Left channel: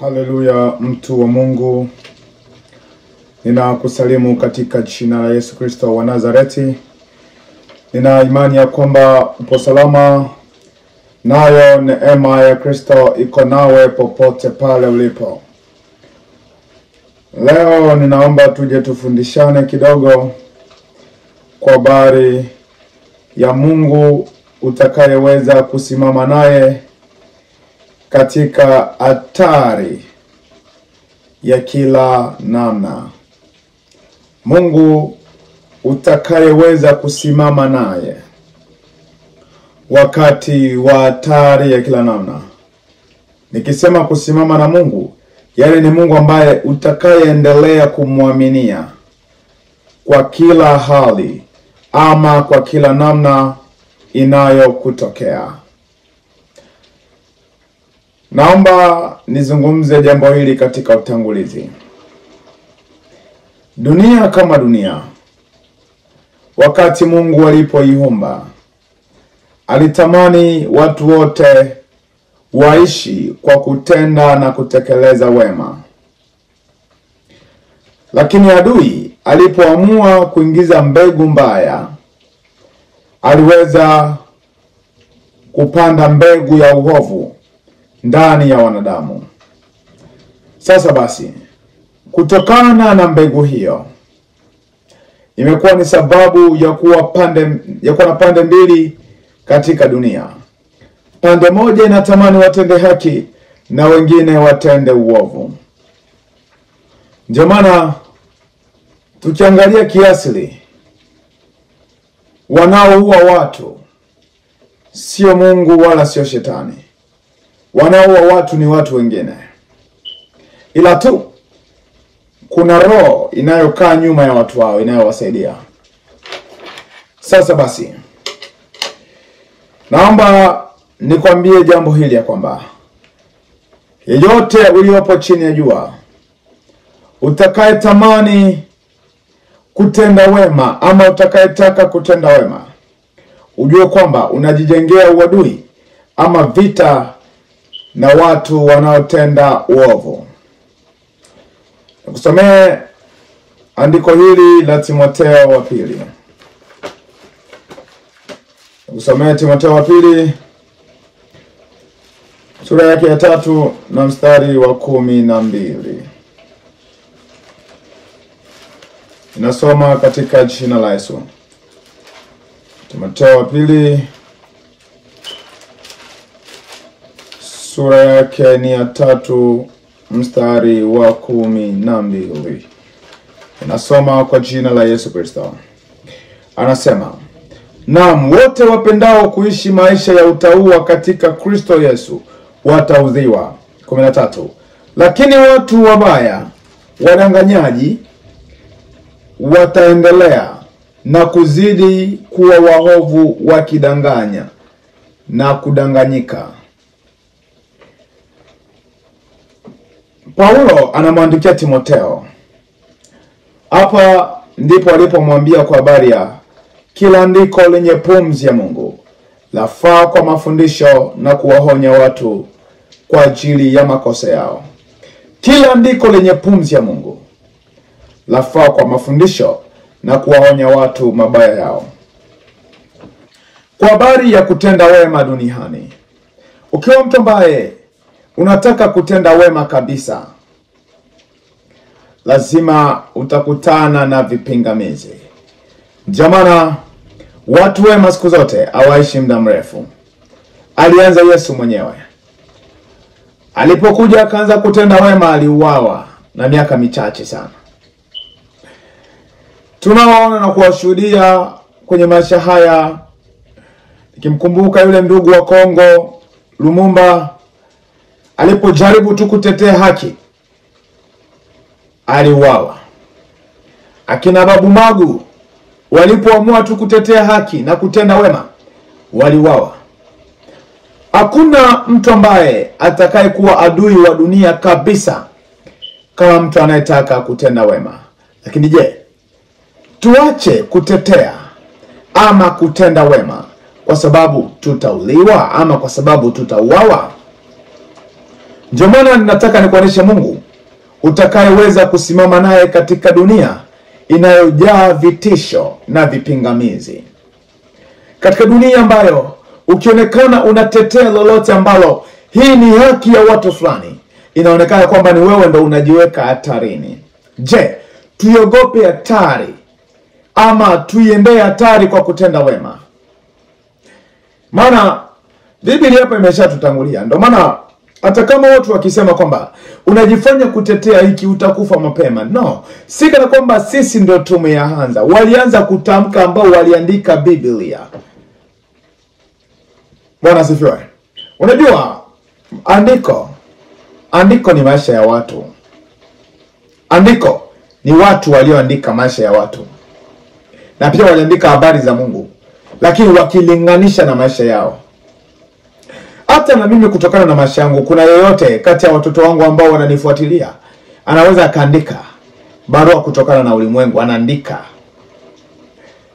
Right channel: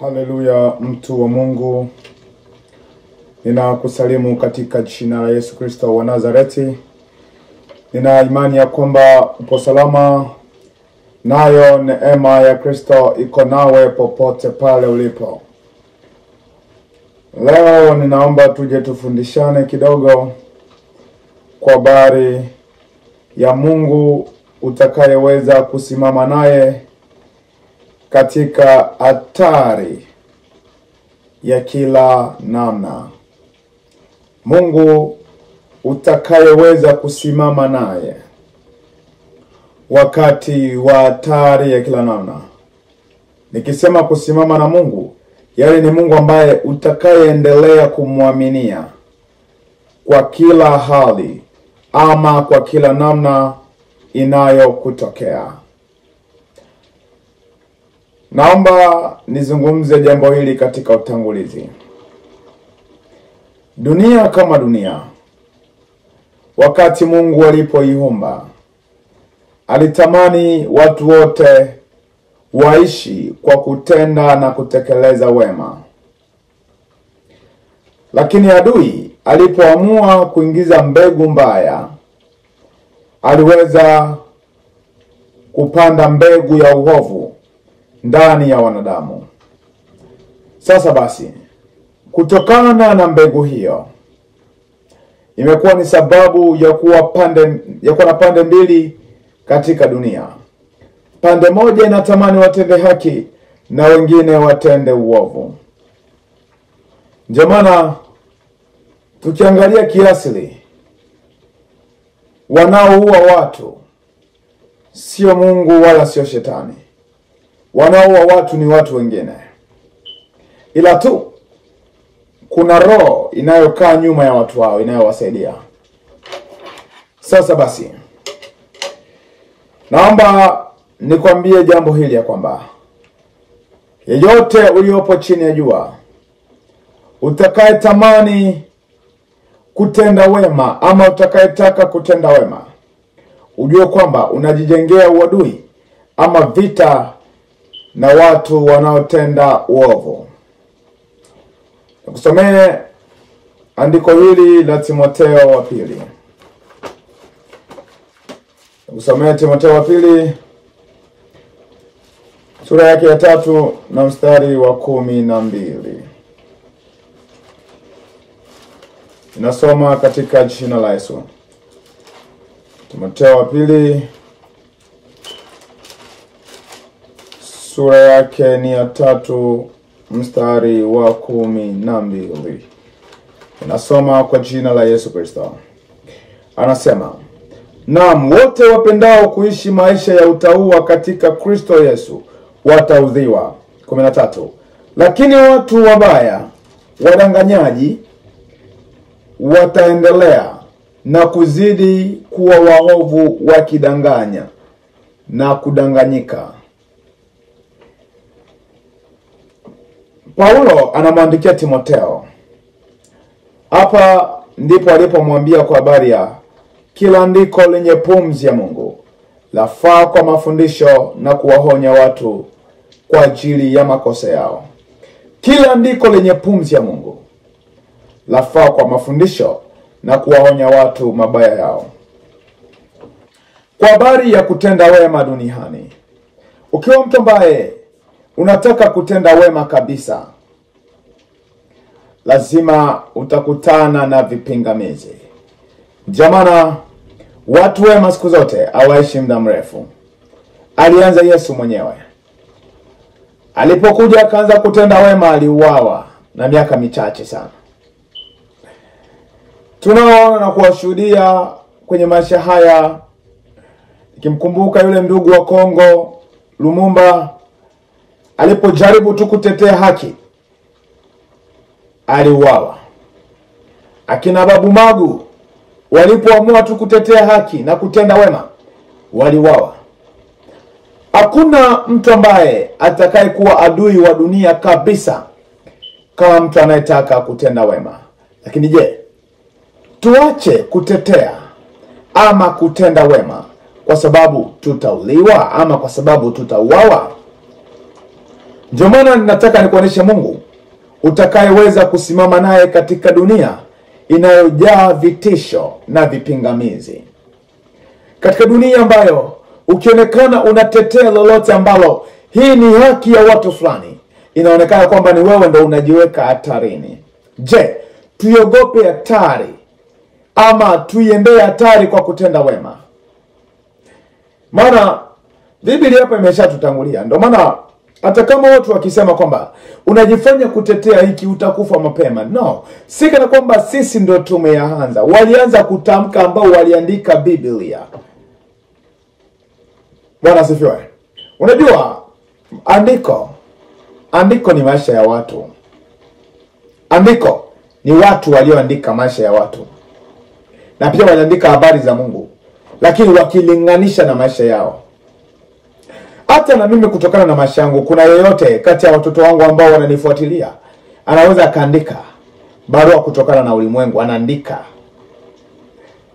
Haleluya, mtu wa Mungu. Ninakusalimu katika jina la Yesu Kristo wa Nazareti. Nina imani ya kwamba upo salama, nayo neema ya Kristo iko nawe popote pale ulipo. Leo ninaomba tuje tufundishane kidogo kwa habari ya Mungu utakayeweza kusimama naye katika hatari ya kila namna. Mungu utakayeweza kusimama naye wakati wa hatari ya kila namna. Nikisema kusimama na Mungu, yale ni Mungu ambaye utakayeendelea kumwaminia kwa kila hali ama kwa kila namna inayokutokea. Naomba nizungumze jambo hili katika utangulizi. Dunia kama dunia, wakati Mungu alipoiumba, alitamani watu wote waishi kwa kutenda na kutekeleza wema. Lakini adui alipoamua kuingiza mbegu mbaya, aliweza kupanda mbegu ya uovu ndani ya wanadamu. Sasa basi, kutokana na mbegu hiyo, imekuwa ni sababu ya kuwa na pande mbili katika dunia. Pande moja inatamani watende haki na wengine watende uovu. Ndio maana tukiangalia kiasili, wanaoua watu sio Mungu wala sio shetani. Wanaoua watu ni watu wengine. Ila tu kuna roho inayokaa nyuma ya watu hao inayowasaidia. Sasa basi, naomba nikwambie jambo hili ya kwamba yeyote uliopo chini ya jua, utakayetamani kutenda wema ama utakayetaka kutenda wema, ujue kwamba unajijengea uadui ama vita na watu wanaotenda uovu. Nikusomee andiko hili la Timotheo wa pili. Nikusomee Timotheo wa pili, sura yake ya 3 na mstari wa 12. Inasoma katika jina la Yesu. Timotheo wa pili, sura yake ni ya 3 mstari wa 12. Inasoma kwa jina la Yesu Kristo. Anasema, naam, wote wapendao kuishi maisha ya utauwa katika Kristo Yesu wataudhiwa. 13. Lakini watu wabaya, wadanganyaji, wataendelea na kuzidi kuwa waovu, wakidanganya na kudanganyika. Paulo anamwandikia Timotheo. Hapa ndipo alipomwambia kwa habari ya kila andiko lenye pumzi ya Mungu lafaa kwa mafundisho na kuwaonya watu kwa ajili ya makosa yao. Kila andiko lenye pumzi ya Mungu lafaa kwa mafundisho na kuwaonya watu mabaya yao. Kwa habari ya kutenda wema duniani, ukiwa mtu ambaye unataka kutenda wema kabisa, lazima utakutana na vipingamizi. Jamani, watu wema siku zote hawaishi muda mrefu. Alianza Yesu mwenyewe. Alipokuja akaanza kutenda wema, aliuawa na miaka michache sana. Tunaona na kuwashuhudia kwenye maisha haya. Nikimkumbuka yule ndugu wa Kongo, Lumumba, alipojaribu tu kutetea haki, aliuawa. Akina Babu Magu walipoamua tu kutetea haki na kutenda wema, waliuawa. Hakuna mtu ambaye atakaye kuwa adui wa dunia kabisa kama mtu anayetaka kutenda wema. Lakini je, tuache kutetea ama kutenda wema kwa sababu tutauliwa ama kwa sababu tutauawa? Ndio maana ninataka nikuoneshe Mungu utakayeweza kusimama naye katika dunia inayojaa vitisho na vipingamizi. Katika dunia ambayo ukionekana unatetea lolote ambalo hii ni haki ya watu fulani, inaonekana kwamba ni wewe ndo unajiweka hatarini. Je, tuiogope hatari ama tuiendee hatari kwa kutenda wema? Maana Biblia hapa imeshatutangulia. Ndio maana hata kama watu wakisema kwamba unajifanya kutetea hiki utakufa mapema, no, si kana kwamba sisi ndio tumeanza. Walianza kutamka ambao waliandika Biblia. Bwana asifiwe. Unajua andiko ni maisha ya watu. Andiko ni watu walioandika maisha ya watu. Na pia waliandika habari za Mungu, lakini wakilinganisha na maisha yao. Hata na mimi kutokana na maisha yangu, kuna yeyote kati ya watoto wangu ambao wananifuatilia anaweza akaandika barua kutokana na ulimwengu, anaandika.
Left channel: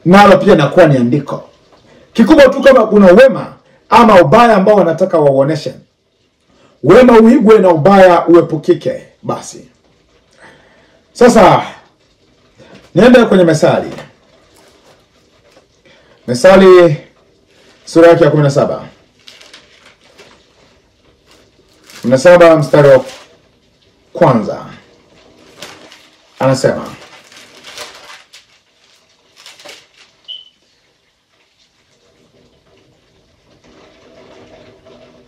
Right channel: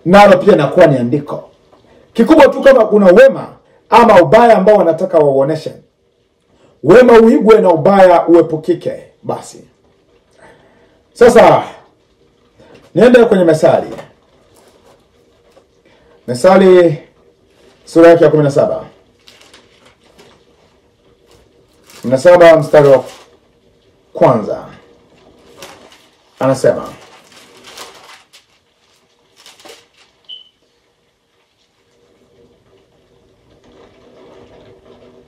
Nalo pia nakuwa ni andiko. Kikubwa tu kama kuna wema ama ubaya ambao wanataka wauoneshe, wema uigwe na ubaya uepukike basi. Sasa niende kwenye Methali. Methali sura yake ya 17. 17 mstari wa kwanza. Anasema,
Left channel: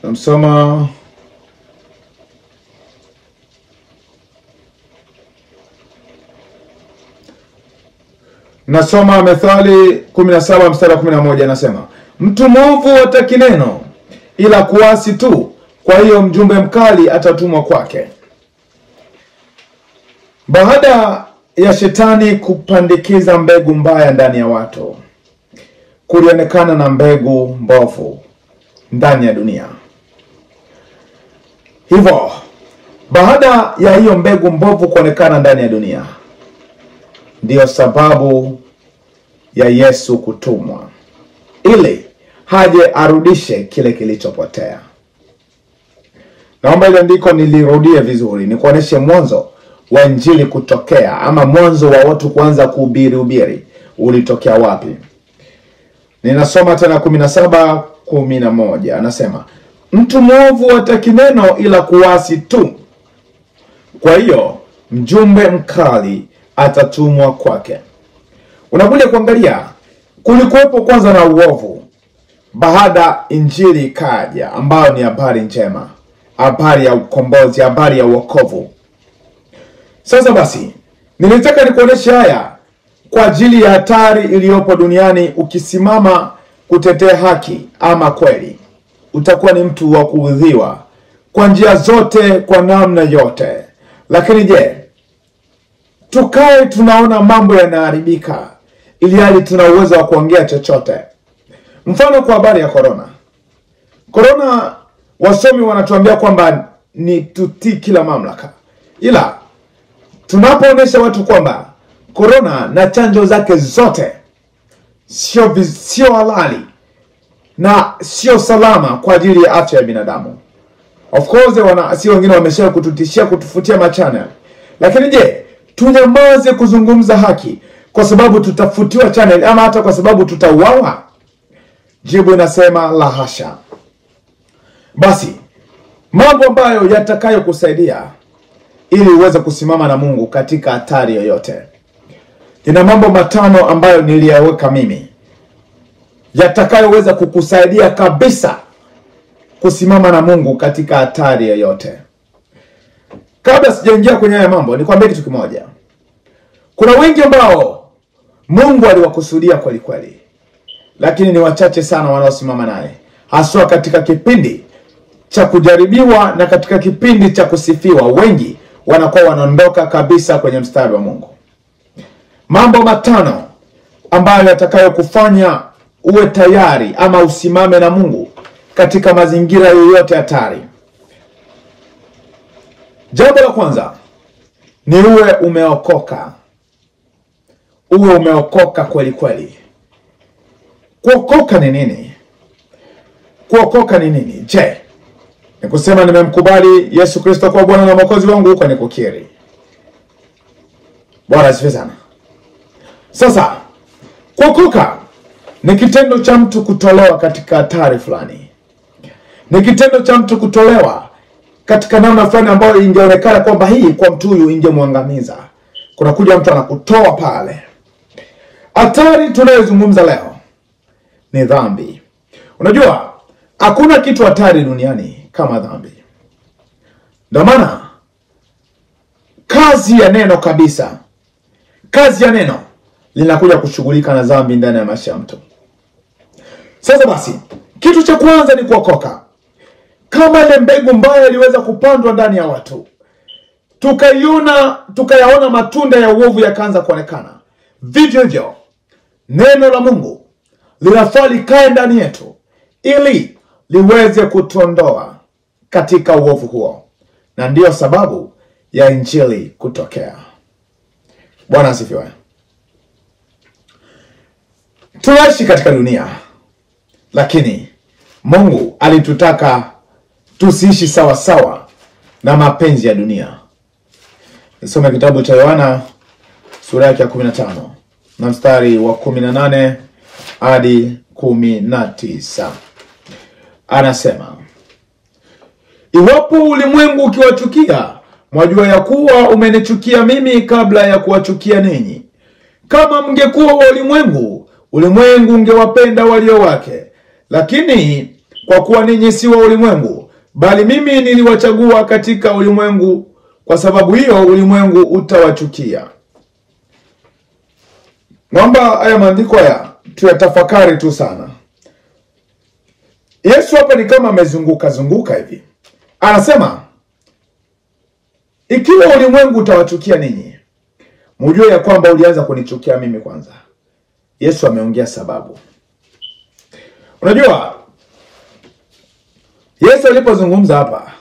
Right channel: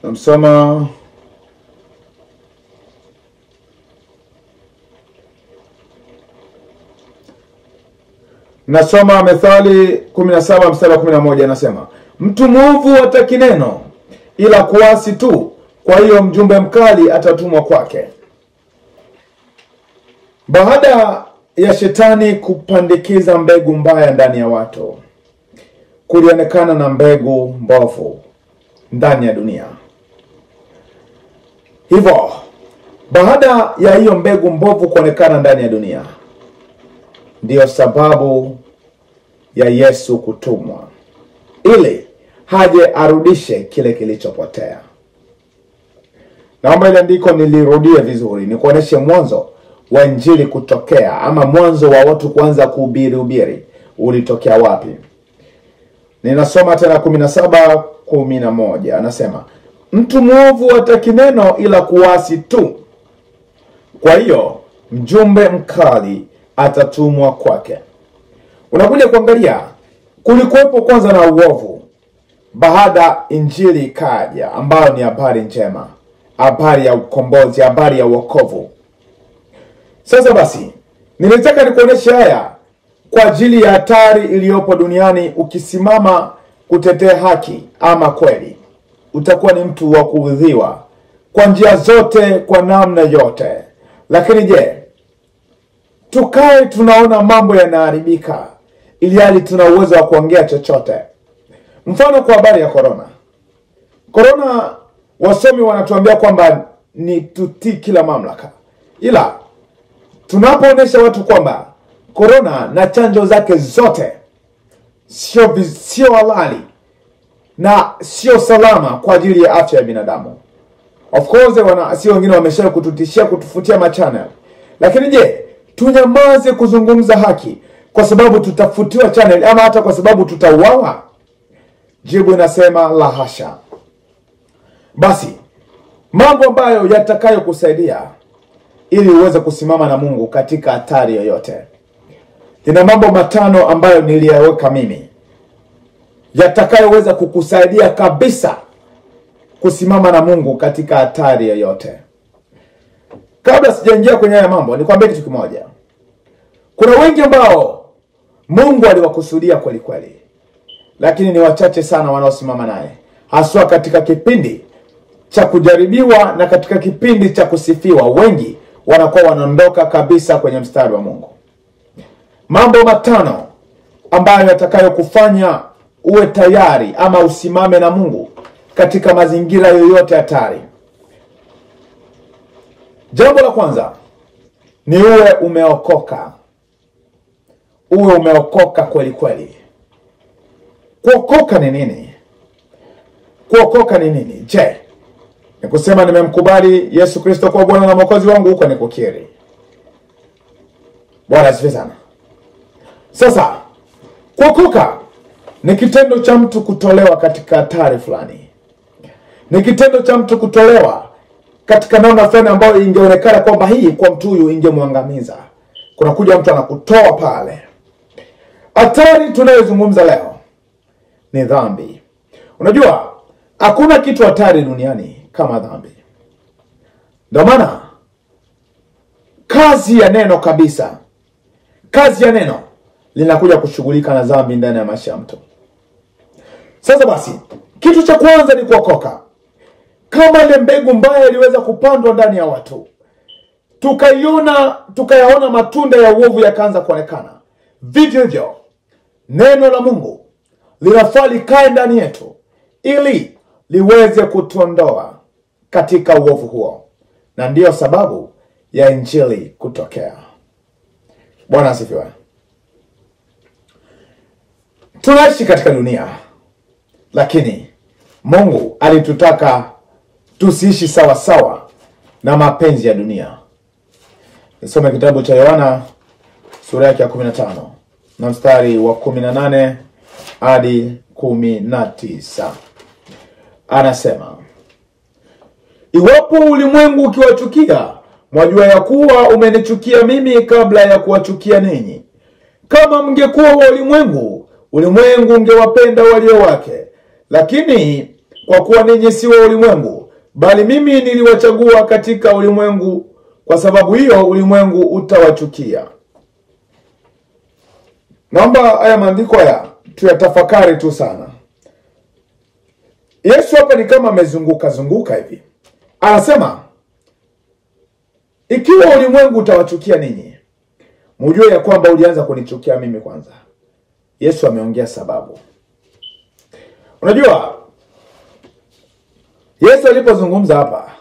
namsoma Nasoma Methali 17 mstari wa 11. Anasema, mtu mwovu hataki neno ila kuasi tu, kwa hiyo mjumbe mkali atatumwa kwake. Baada ya shetani kupandikiza mbegu mbaya ndani ya watu, kulionekana na mbegu mbovu ndani ya dunia. Hivyo, baada ya hiyo mbegu mbovu kuonekana ndani ya dunia, ndiyo sababu ya Yesu kutumwa, ili haje arudishe kile kilichopotea. Naomba ile andiko nilirudie vizuri, nikuoneshe mwanzo wa injili kutokea, ama mwanzo wa watu kuanza kuhubiri ulitokea wapi. Ninasoma tena 17:11. Anasema, mtu mwovu hataki neno ila kuasi tu, kwa hiyo mjumbe mkali atatumwa kwake. Unakuja kuangalia, kulikuwepo kwanza na uovu, baada injili ikaja ambayo ni habari njema, habari ya ukombozi, habari ya wokovu. Sasa basi, nilitaka nikuoneshe haya kwa ajili ya hatari iliyopo duniani. Ukisimama kutetea haki ama kweli, utakuwa ni mtu wa kuudhiwa kwa njia zote, kwa namna yote. Lakini je, tukae tunaona mambo yanaharibika ili hali tuna uwezo wa kuongea chochote? Mfano kwa habari ya Corona, wasomi wanatuambia kwamba ni tutii kila mamlaka. Ila tunapoonesha watu kwamba Corona na chanjo zake zote sio halali na sio salama kwa ajili ya afya ya binadamu. Of course sio wengine wamesha kututishia kutufutia machannel. Lakini je, tunyamaze kuzungumza haki kwa sababu tutafutiwa channel, ama hata kwa sababu tutauawa? Jibu inasema la hasha. Basi, mambo ambayo yatakayo kusaidia ili uweze kusimama na Mungu katika hatari yoyote. Nina mambo 5 ambayo niliyaweka mimi, yatakayoweza kukusaidia kabisa kusimama na Mungu katika hatari yoyote. Kabla sijaingia kwenye haya mambo, nikwambie kitu kimoja. Kuna wengi ambao Mungu aliwakusudia kweli kweli, lakini ni wachache sana wanaosimama naye, haswa katika kipindi cha kujaribiwa na katika kipindi cha kusifiwa. Wengi wanakuwa wanaondoka kabisa kwenye mstari wa Mungu. Mambo 5 ambayo yatakayo kufanya uwe tayari ama usimame na Mungu katika mazingira yoyote hatari. Jambo la kwanza ni uwe umeokoka. Uwe umeokoka kweli kweli. Kuokoka ni nini? Kuokoka ni nini? Je, Ni kusema nimemkubali Yesu Kristo kwa Bwana na Mwokozi wangu, huko ni kukiri. Bwana asifiwe sana. Sasa, kuokoka ni kitendo cha mtu kutolewa katika hatari fulani. Ni kitendo cha mtu kutolewa katika namna fulani ambayo ingeonekana kwamba hii kwa mtu huyu ingemwangamiza. Kuna kuja mtu anakutoa pale. Hatari tunayozungumza leo ni dhambi. Unajua, hakuna kitu hatari duniani kama dhambi. Ndio maana kazi ya neno kabisa, kazi ya neno linakuja kushughulika na dhambi ndani ya maisha ya mtu. Sasa basi, kitu cha kwanza ni kuokoka. Kama ile mbegu mbaya iliweza kupandwa ndani ya watu, tukayaona matunda ya uovu yakaanza kuonekana, vivyo hivyo neno la Mungu linafaa likae ndani yetu ili liweze kutuondoa katika uovu huo. Na ndiyo sababu ya injili kutokea. Bwana asifiwe. Tunaishi katika dunia, lakini Mungu alitutaka tusiishi sawa sawa na mapenzi ya dunia. Nisome kitabu cha Yohana sura ya 15 na mstari wa 18 hadi 19. Anasema, iwapo ulimwengu ukiwachukia, mwajua ya kuwa umenichukia mimi kabla ya kuwachukia ninyi. Kama mngekuwa wa ulimwengu, ulimwengu ungewapenda walio wake. Lakini kwa kuwa ninyi si wa ulimwengu, bali mimi niliwachagua katika ulimwengu, kwa sababu hiyo ulimwengu utawachukia. Naomba haya maandiko haya tuyatafakari tu sana. Yesu hapa ni kama amezunguka hivi. Anasema, ikiwa ulimwengu utawachukia ninyi, mjue ya kwamba ulianza kunichukia mimi kwanza. Yesu ameongea sababu. Unajua, Yesu alipozungumza hapa,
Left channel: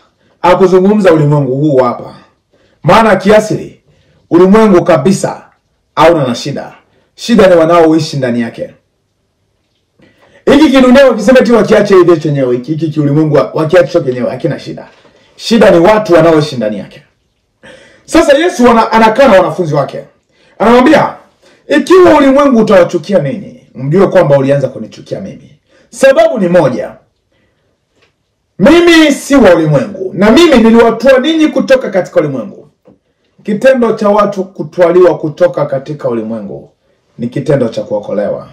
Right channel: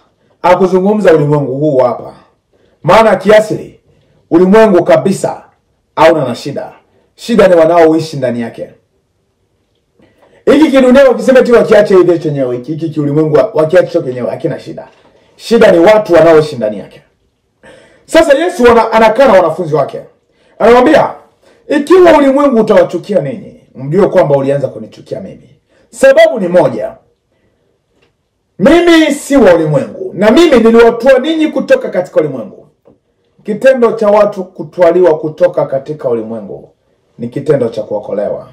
hakuzungumza ulimwengu huu hapa. Maana kiasili ulimwengu kabisa hauna na shida. Shida ni wanaoishi ndani yake. Hiki kidunia wakisema tu wakiache hivi chenyewe, hiki ulimwengu wakiache chenyewe hakina shida. Shida ni watu wanaoishi ndani yake. Sasa Yesu anakaa na wanafunzi wake. Anamwambia, ikiwa ulimwengu utawachukia ninyi, mjue kwamba ulianza kunichukia mimi. Sababu ni moja. Mimi si wa ulimwengu, na mimi niliwatoa ninyi kutoka katika ulimwengu. Kitendo cha watu kutwaliwa kutoka katika ulimwengu ni kitendo cha kuokolewa.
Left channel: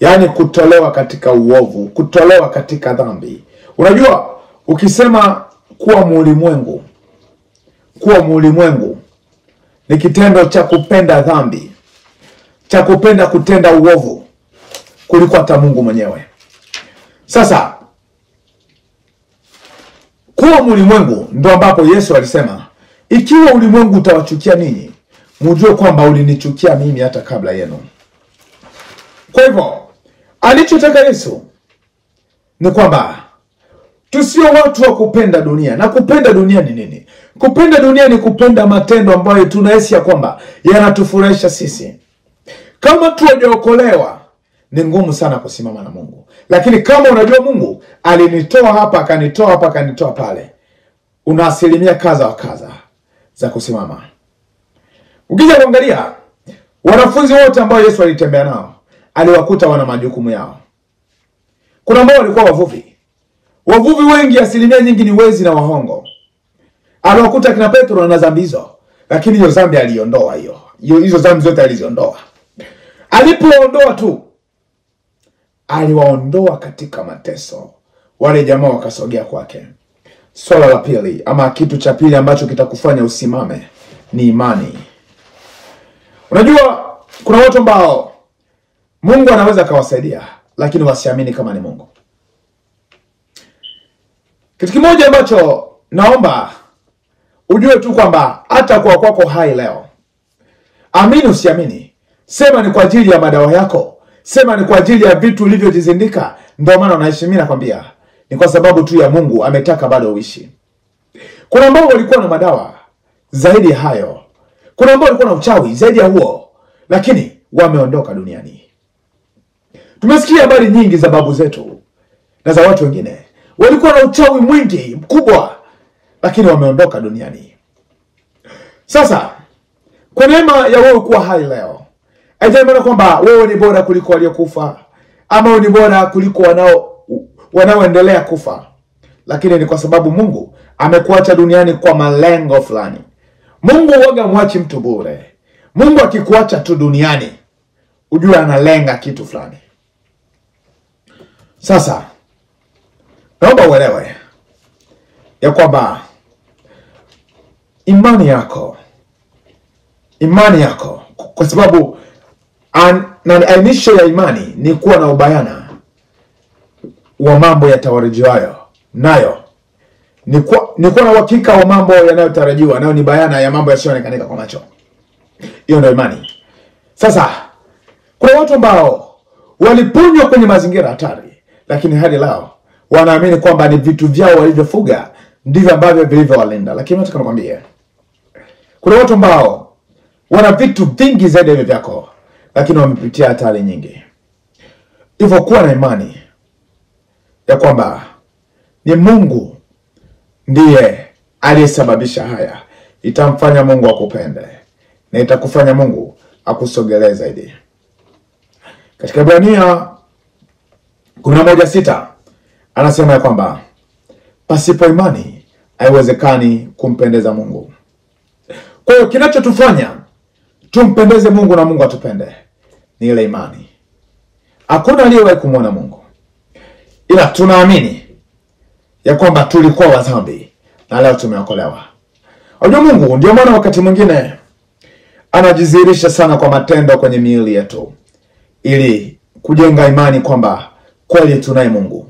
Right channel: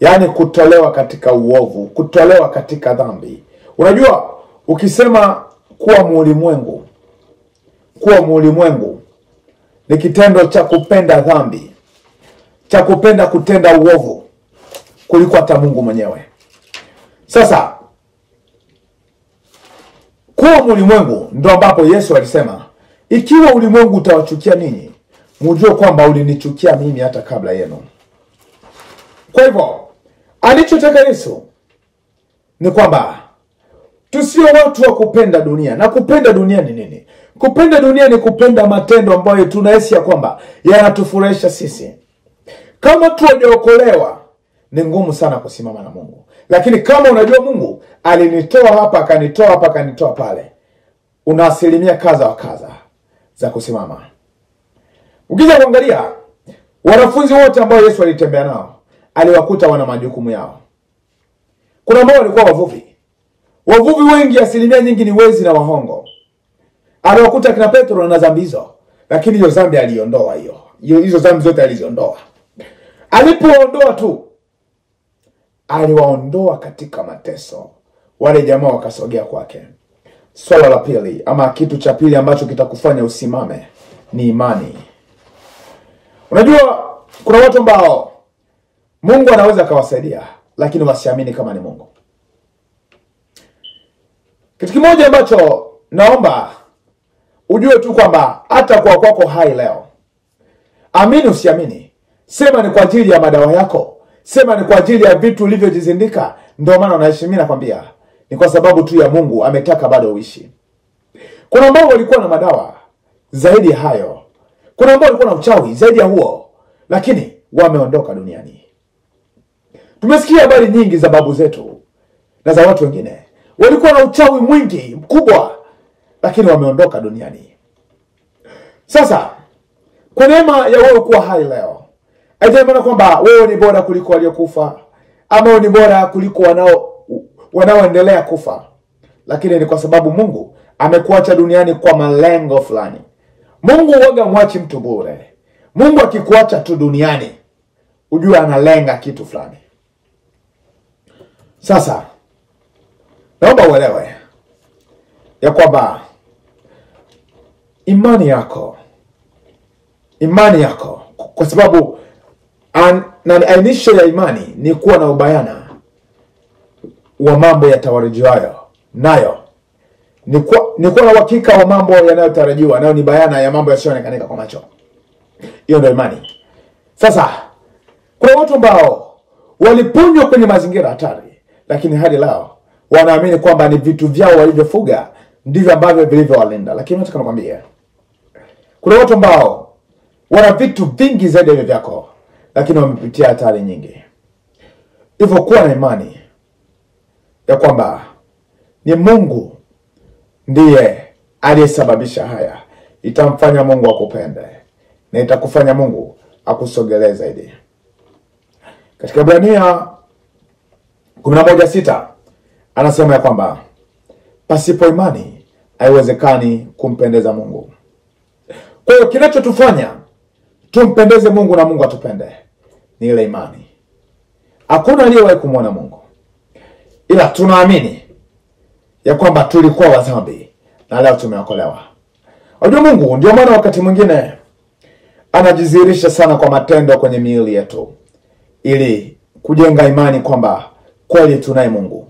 Yaani kutolewa katika uovu, kutolewa katika dhambi. Unajua, ukisema kuwa muulimwengu, kuwa muulimwengu ni kitendo cha kupenda dhambi, cha kupenda kutenda uovu kuliko hata Mungu mwenyewe. Sasa kuwa muulimwengu ndo ambapo Yesu alisema, ikiwa ulimwengu utawachukia ninyi, mjue kwamba ulinichukia mimi hata kabla yenu. Kwa hivyo, alichotaka Yesu ni kwamba tusio watu wa kupenda dunia. Na kupenda dunia ni nini? Kupenda dunia ni kupenda matendo ambayo tunahisi ya kwamba yanatufurahisha sisi. Kama tunaokolewa, ni ngumu sana kusimama na Mungu. Lakini kama unajua Mungu alinitoa hapa, akanitoa hapa, akanitoa pale, una asilimia kadha wa kadha za kusimama. Ukija kuangalia wanafunzi wote ambao Yesu alitembea nao, aliwakuta wana majukumu yao. Kuna ambao walikuwa wavuvi. Wavuvi wengi asilimia nyingi ni wezi na wahongo. Aliwakuta kina Petro na dhambi hizo, lakini hiyo dhambi aliondoa hiyo. Hizo dhambi zote aliziondoa. Alipoondoa tu, aliwaondoa katika mateso. Wale jamaa wakasogea kwake. Swala la pili, ama kitu cha pili ambacho kitakufanya usimame, ni imani. Unajua, kuna watu ambao Mungu anaweza kawasaidia, lakini wasiamini kama ni Mungu. Kitu kimoja ambacho naomba ujue tu kwamba hata kwa kwako hai leo, amini usiamini, sema ni kwa ajili ya madawa yako, sema ni kwa ajili ya vitu ulivyojizindika ndio maana unaishi, mimi nakwambia ni kwa sababu tu ya Mungu ametaka bado uishi. Kuna ambao walikuwa na madawa zaidi hayo. Kuna ambao walikuwa na uchawi zaidi ya huo, lakini wameondoka duniani. Tumesikia habari nyingi za babu zetu na za watu wengine. walikuwa na uchawi mwingi mkubwa, lakini wameondoka duniani. Sasa kwa neema ya wewe kuwa hai leo, haijamaanisha kwamba wewe ni bora kuliko waliokufa, ama wewe ni bora kuliko wanaoendelea kufa, lakini ni kwa sababu Mungu amekuacha duniani kwa malengo fulani. Mungu huaga mwachi mtu bure. Mungu akikuacha tu duniani, ujue analenga kitu fulani. Sasa naomba uelewe ya kwamba imani yako, kwa sababu ainisho ya imani ni kuwa na ubayana wa mambo yatarajiwayo, nayo ni kuwa na uhakika wa mambo yanayotarajiwa, nayo ni bayana ya mambo yasiyoonekana kwa macho. Hiyo ndio imani. Sasa kuna watu ambao waliponywa kwenye mazingira hatari, lakini hadi leo wanaamini kwamba ni vitu vyao walivyofuga ndivyo ambavyo vilivyowalinda. Lakini nataka nikwambie, kuna watu ambao wana vitu vingi zaidi ya vyako, lakini wamepitia hatari nyingi. Hivyo kuwa na imani ya kwamba ni Mungu ndiye aliyesababisha haya, itamfanya Mungu akupende na itakufanya Mungu akusogelee zaidi. Katika Ibrania 11:6 anasema ya kwamba pasipo imani haiwezekani kumpendeza Mungu. Kwa hiyo kinachotufanya tumpendeze Mungu na Mungu atupende ni ile imani. Hakuna aliyewahi kumwona Mungu, ila tunaamini ya kwamba tulikuwa wadhambi na leo tumeokolewa. Unajua Mungu ndio maana wakati mwingine anajidhihirisha sana kwa matendo kwenye miili yetu, ili kujenga imani kwamba kweli tunaye Mungu.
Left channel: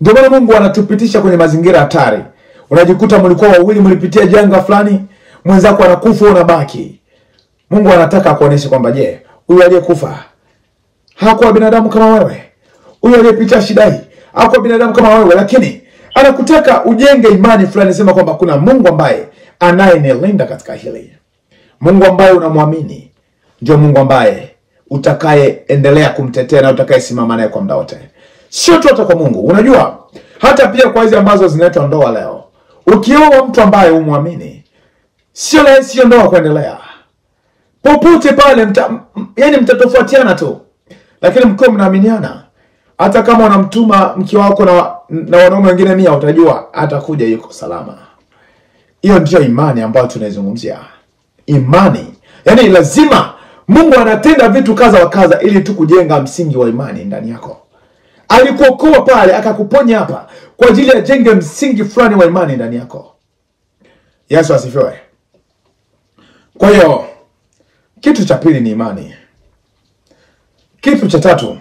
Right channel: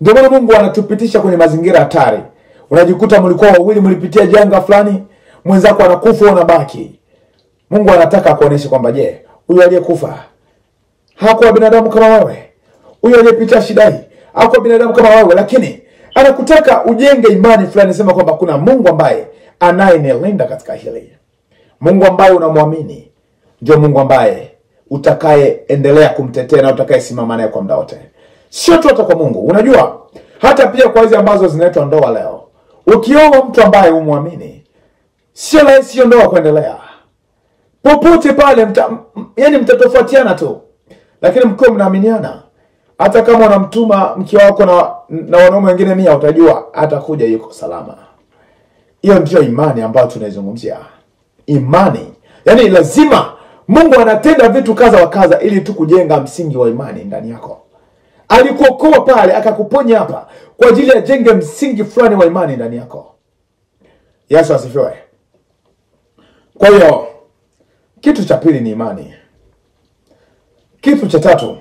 Ndio maana Mungu anatupitisha kwenye mazingira hatari. Unajikuta mlikuwa wawili mlipitia janga fulani, mwenzako anakufa unabaki. Mungu anataka kuonesha kwamba je, huyu aliyekufa hakuwa binadamu kama wewe? Huyu aliyepitia shida hii hakuwa binadamu kama wewe? Lakini anakutaka ujenge imani fulani, sema kwamba kuna Mungu ambaye anayenilinda katika hili. Mungu ambaye unamwamini ndio Mungu ambaye utakayeendelea kumtetea na utakayesimama naye kwa muda wote. Sio tu hata kwa Mungu. Unajua hata pia kwa hizi ambazo zinaitwa ndoa leo, ukioa mtu ambaye umwamini, sio rahisi ndoa kuendelea. Popote pale yani mtatofautiana tu, lakini mkiwa mnaaminiana, hata kama unamtuma mke wako na wanaume wengine 100, utajua atakuja yuko salama. Hiyo ndio imani ambayo tunaizungumzia. Imani, yani lazima Mungu anatenda vitu kaza wa kaza ili tu kujenga msingi wa imani ndani yako. Alikuokoa pale akakuponya hapa kwa ajili ya jenge msingi fulani wa imani ndani yako. Yesu asifiwe. Kwa hiyo kitu cha pili ni imani. Kitu cha tatu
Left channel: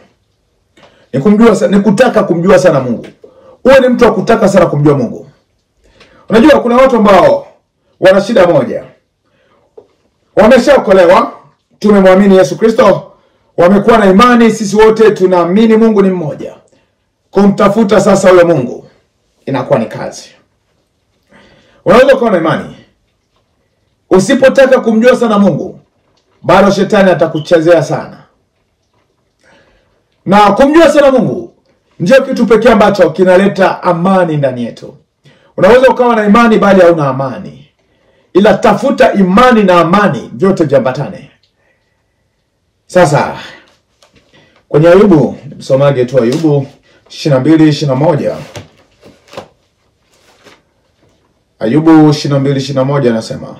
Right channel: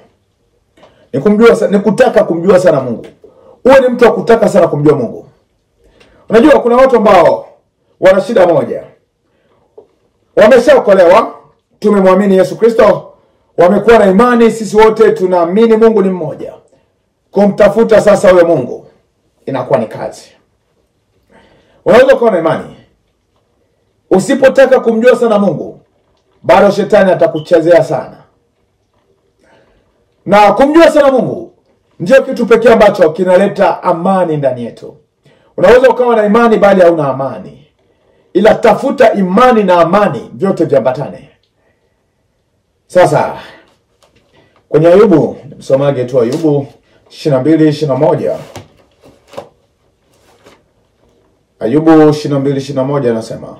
ni kutaka kumjua sana Mungu. Uwe ni mtu wa kutaka sana kumjua Mungu. Unajua kuna watu ambao wana shida moja. Wameshaokolewa, tumemwamini Yesu Kristo, wamekuwa na imani, sisi wote tunaamini Mungu ni mmoja. Kumtafuta sasa huyo Mungu inakuwa ni kazi. Unaweza kuwa na imani, usipotaka kumjua sana Mungu, bado shetani atakuchezea sana. Na kumjua sana Mungu ndio kitu pekee ambacho kinaleta amani ndani yetu. Unaweza ukawa na imani bali hauna amani, ila tafuta imani na amani, vyote viambatane. Sasa kwenye Ayubu, msomaji tu Ayubu 22:21. Ayubu 22:21 anasema,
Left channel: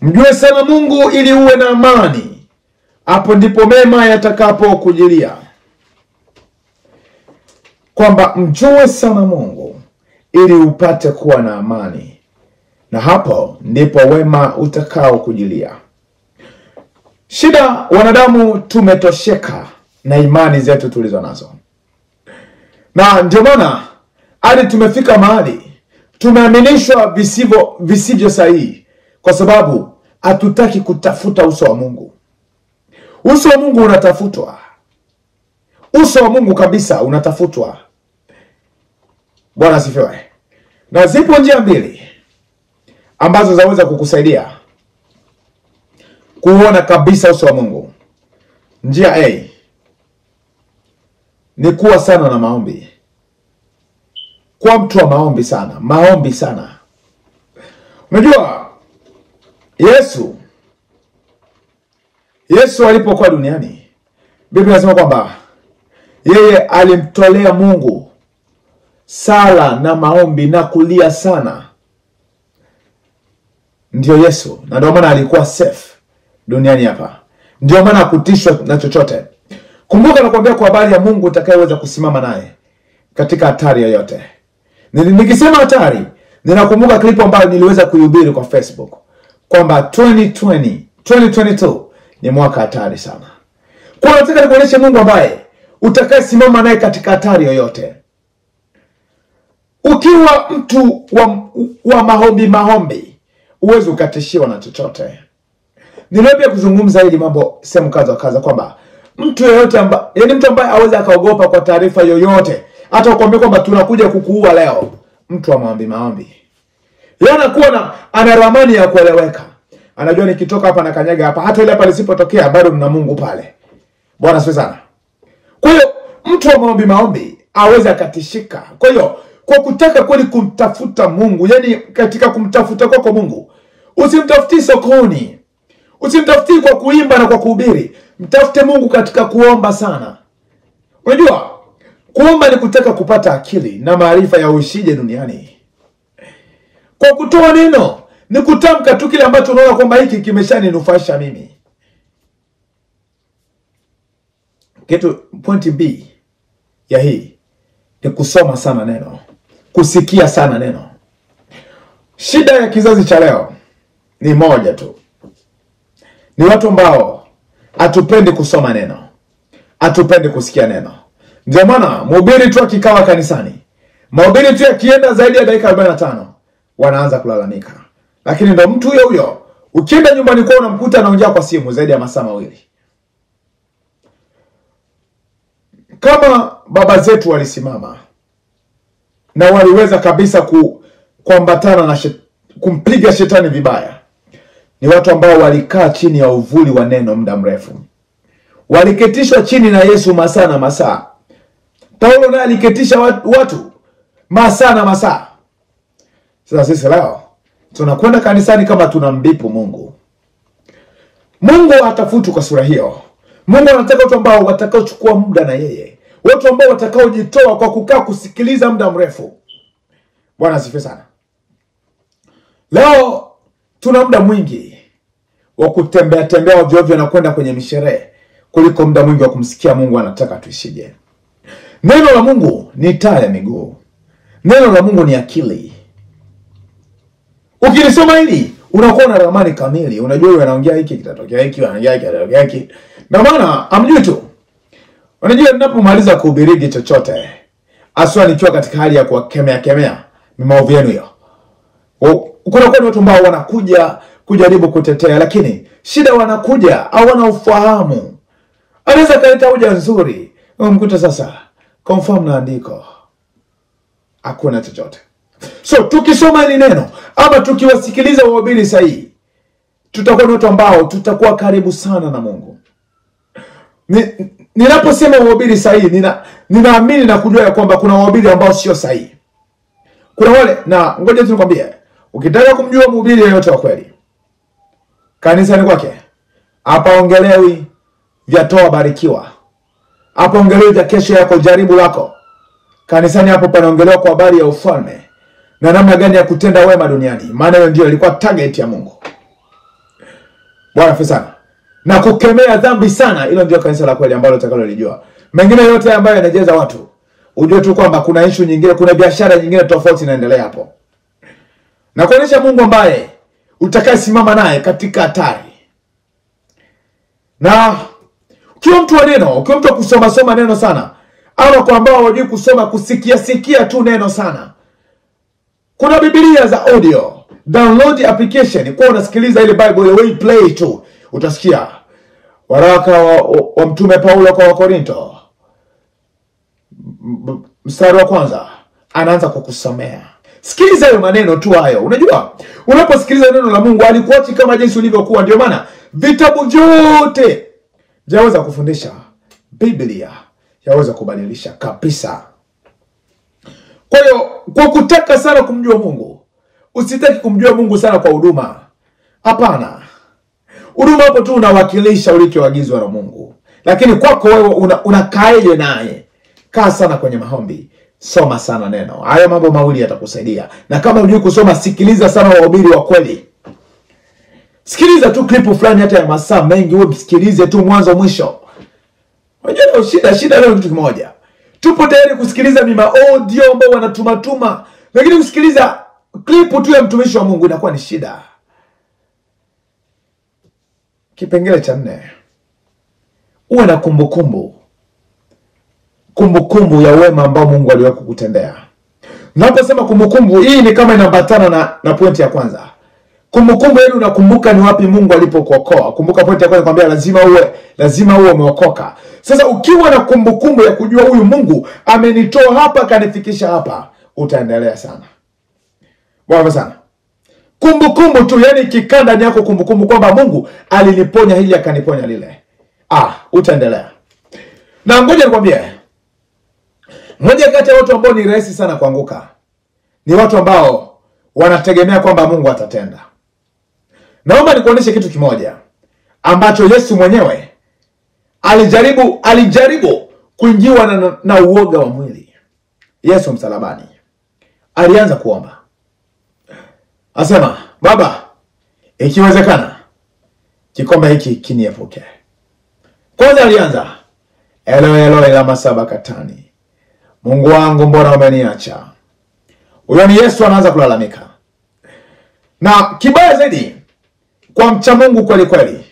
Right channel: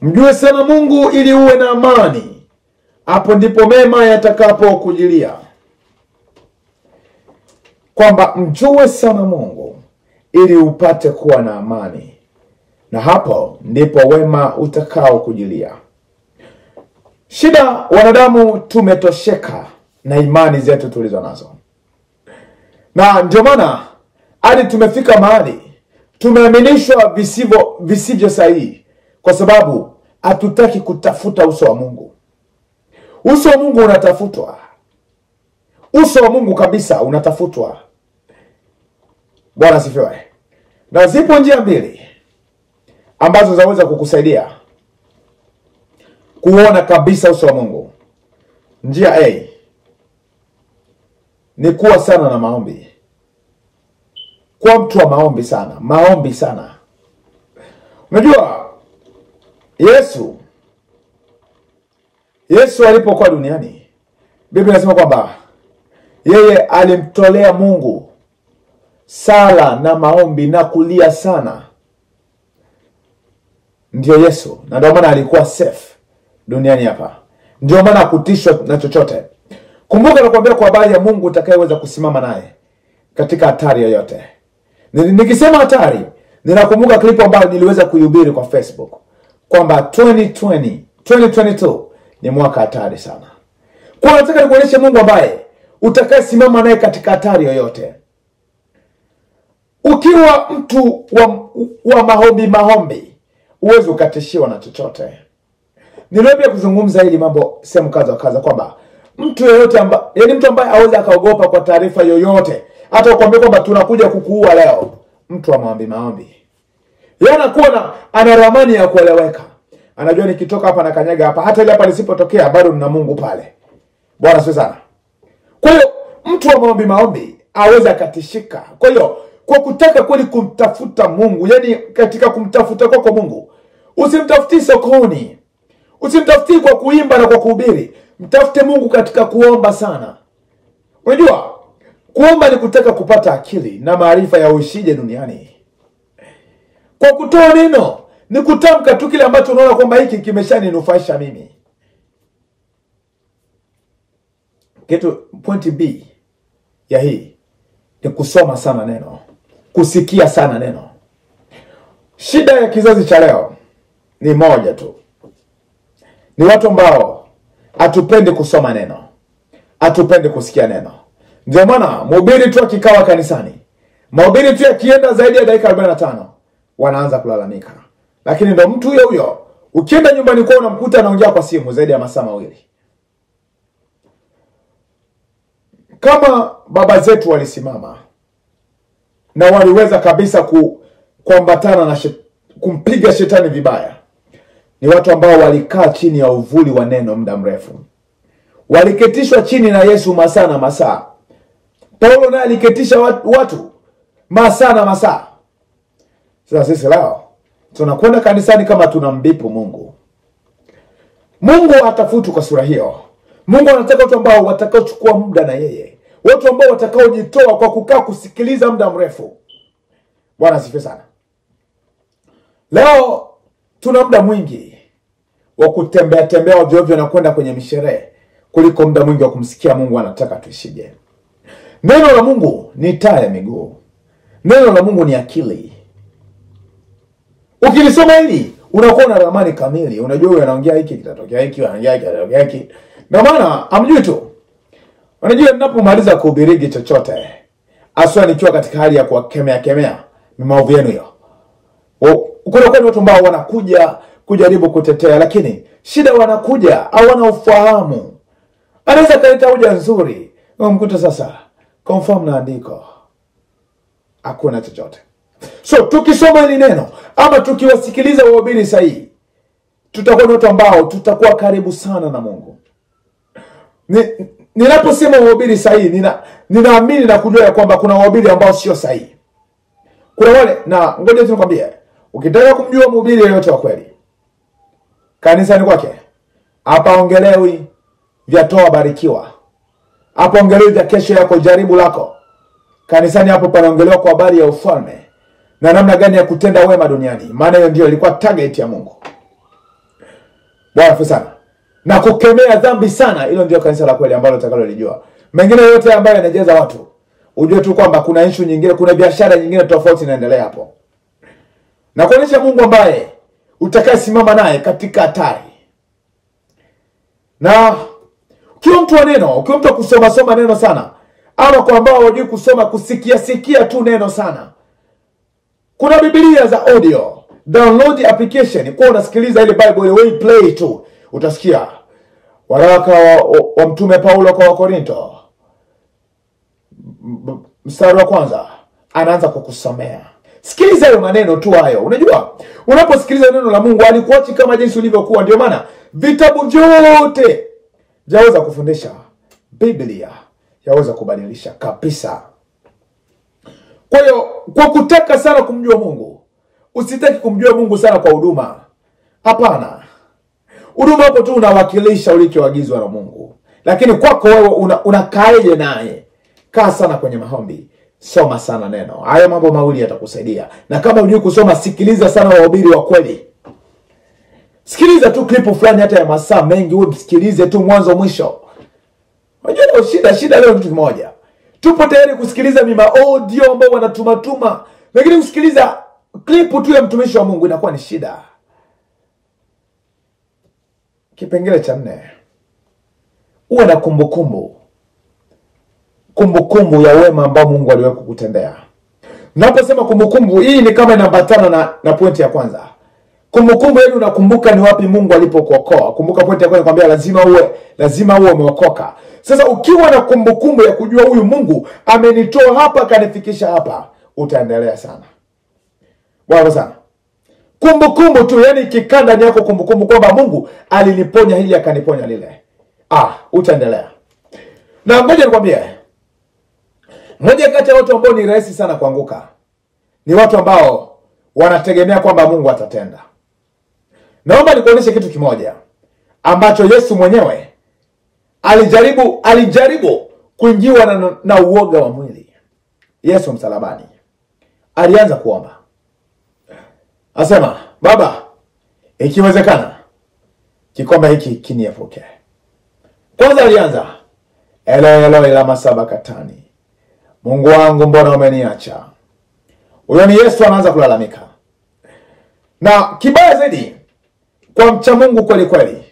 mjue sana Mungu ili uwe na amani, hapo ndipo mema yatakapo kujilia. Kwamba mjue sana Mungu ili upate kuwa na amani, na hapo ndipo wema utakao kujilia. Shida wanadamu tumetosheka na imani zetu tulizo nazo. Na ndio maana hadi tumefika mahali tumeaminishwa visivyo sahihi, kwa sababu hatutaki kutafuta uso wa Mungu. Uso wa Mungu unatafutwa. Uso wa Mungu kabisa unatafutwa. Bwana asifiwe. Na zipo njia mbili ambazo zaweza kukusaidia kuona kabisa uso wa Mungu. Njia A ni kuwa sana na maombi. kuwa mtu wa maombi sana. Maombi sana. Unajua Yesu alipokuwa duniani, Biblia inasema kwamba yeye alimtolea Mungu sala na maombi na kulia sana. Ndio Yesu. Na ndio maana alikuwa safe duniani hapa. Ndio maana hakutishwa na chochote. Kumbuka nakwambia kwa habari ya Mungu utakayeweza kusimama naye katika hatari yoyote. Nikisema hatari, ninakumbuka klipu ambayo niliweza kuihubiri kwa Facebook kwamba 2022 ni mwaka hatari sana. Kwa nataka nikuonyeshe Mungu ambaye utakayesimama naye katika hatari yoyote. Ukiwa mtu wa maombi, uweze ukatishiwa na chochote. Niliweza kuzungumza hili mambo sehemu kadha kwamba mtu yeyote ambaye, yani mtu ambaye hawezi akaogopa kwa taarifa yoyote, hata ukwambia kwamba tunakuja kukuua leo, mtu wa maombi. Yeye anakuwa ana ramani ya kueleweka. Anajua nikitoka hapa na kanyaga hapa, hata ile hapa lisipotokea bado nina Mungu pale. Bwana asifiwe sana. Kwa hiyo mtu wa maombi aweza akatishika. Kwa hiyo kwa kutaka kweli kumtafuta Mungu, yani katika kumtafuta kwako Mungu, usimtafuti sokoni. Usimtafuti kwa kuimba na kwa kuhubiri. Mtafute Mungu katika kuomba sana. Unajua, kuomba ni kutaka kupata akili na maarifa ya uishije duniani. Kwa kutoa neno ni kutamka tu kile ambacho unaona kwamba hiki kimeshaninufaisha mimi. Point B ya hii ni kusoma sana neno, kusikia sana neno. Shida ya kizazi cha leo ni moja tu. Ni watu ambao hatupendi kusoma neno, hatupendi kusikia neno. Ndio maana mhubiri tu akikawa kanisani, mhubiri tu akienda zaidi ya dakika 45 wanaanza kulalamika. Lakini ndo mtu huyo ukienda nyumbani kwao unamkuta anaongea kwa simu zaidi ya masaa mawili. Kama baba zetu walisimama na waliweza kabisa kuambatana na kumpiga shetani vibaya, ni watu ambao walikaa chini ya uvuli wa neno muda mrefu. Waliketishwa chini na Yesu masaa na masaa. Paulo naye aliketisha watu masaa na masaa. Sasa sisi leo tunakwenda kanisani kama tunambipu Mungu. Mungu hatafuti kwa sura hiyo. Mungu anataka watu ambao watakaochukua muda na yeye. Watu ambao watakaojitoa kwa kukaa kusikiliza muda mrefu. Bwana asifiwe sana. Leo tuna muda mwingi wa kutembea ovyo na kwenda kwenye misherehe kuliko muda mwingi wa kumsikia Mungu anataka tuishije. Neno la Mungu ni taa ya miguu. Neno la Mungu ni akili. Ukilisoma hili unakuwa na ramani kamili. Unajua wewe anaongea hiki kitatokea hiki, anaongea hiki kitatokea hiki. Na maana amjui tu. Unajua ninapomaliza kuhubiri chochote, aswa nikiwa katika hali ya kuwakemea maovu yenu hiyo. Kuna watu ambao wanakuja kujaribu kutetea, lakini shida wanakuja hawana ufahamu. Anaweza kaleta hoja nzuri, mkuta sasa confirm na andiko, hakuna chochote. So tukisoma hili neno ama tukiwasikiliza wahubiri sahihi, tutakuwa ni watu ambao tutakuwa karibu sana na Mungu. Ninaposema wahubiri sahihi, ninaamini na kujua kwamba kuna wahubiri ambao sio sahihi. Kuna wale, na ngoja tu nikwambie, ukitaka kumjua mhubiri yeyote wa kweli kanisani kwake, hapa ongelewi vya toa barikiwa, hapa ongelewi vya kesho yako jaribu lako. Kanisani hapo panaongelewa kwa habari ya ufalme na namna gani ya kutenda wema duniani, maana hiyo ndio ilikuwa target ya Mungu. Bwana asifiwe sana. Na kukemea dhambi sana, hilo ndio kanisa la kweli ambalo utakalolijua. Mengine yote ambayo yanajeza watu, ujue tu kwamba kuna issue nyingine, kuna biashara nyingine tofauti inaendelea hapo. Na kuonyesha Mungu ambaye utakayesimama naye katika hatari. Na ukiwa mtu wa neno, ukiwa mtu wa kusoma neno sana, ama kwa ambao hawajui kusoma, kusikia tu neno sana, kuna Biblia za audio, download application, kwa unasikiliza ile Bible the way play tu, utasikia waraka wa mtume Paulo kwa Wakorinto, mstari wa 1 anaanza kukusomea. Sikiliza hayo maneno tu hayo. Unajua, unaposikiliza neno la Mungu alikuachi kama jinsi ulivyokuwa. Ndio maana vitabu vyote yaweza kufundisha, Biblia yaweza kubadilisha kabisa. Kwa hiyo kwa kutaka sana kumjua Mungu, usitaki kumjua Mungu sana kwa huduma. Hapana. Huduma hapo tu unawakilisha ulichoagizwa na Mungu. Lakini kwako wewe unakaeje naye? Kaa sana kwenye maombi. Soma sana neno. Haya mambo mawili yatakusaidia. Na kama hujui kusoma, sikiliza sana wahubiri wa kweli. Sikiliza tu klipu fulani hata ya masaa mengi, wewe msikilize tu mwanzo mwisho. Unajua shida leo kitu kimoja. Tupo tayari kusikiliza mima audio ambao wanatumatuma, lakini kusikiliza klipu tu ya mtumishi wa Mungu inakuwa ni shida. Kipengele cha 4. Uwe na kumbukumbu. Kumbukumbu ya wema ambao Mungu aliwahi kukutendea. Naposema kumbukumbu, hii ni kama inaambatana na pointi ya kwanza. Kumbukumbu yenu unakumbuka ni wapi Mungu alipokuokoa. Kumbuka pointi ya kwanza kwambia lazima uwe umeokoka. Sasa ukiwa na kumbukumbu ya kujua huyu Mungu amenitoa hapa kanifikisha hapa, utaendelea sana. Bwana sana. Kumbukumbu tu, yani kikanda ndani yako kumbukumbu kwamba Mungu aliniponya hili akaniponya lile. Utaendelea. Na ngoja nikwambie, mmoja kati ya watu ambao ni rahisi sana kuanguka ni watu ambao wanategemea kwamba Mungu atatenda. Naomba nikuonyeshe kitu kimoja ambacho Yesu mwenyewe alijaribu kuingiwa na uoga wa mwili. Yesu msalabani alianza kuomba. Asema, Baba, ikiwezekana kikombe hiki kiniepuke. Kwanza alianza, Eloi Eloi lama sabakthani, Mungu wangu mbona umeniacha? Huyo ni Yesu anaanza kulalamika. Na kibaya zaidi, kwa mcha Mungu kweli kweli,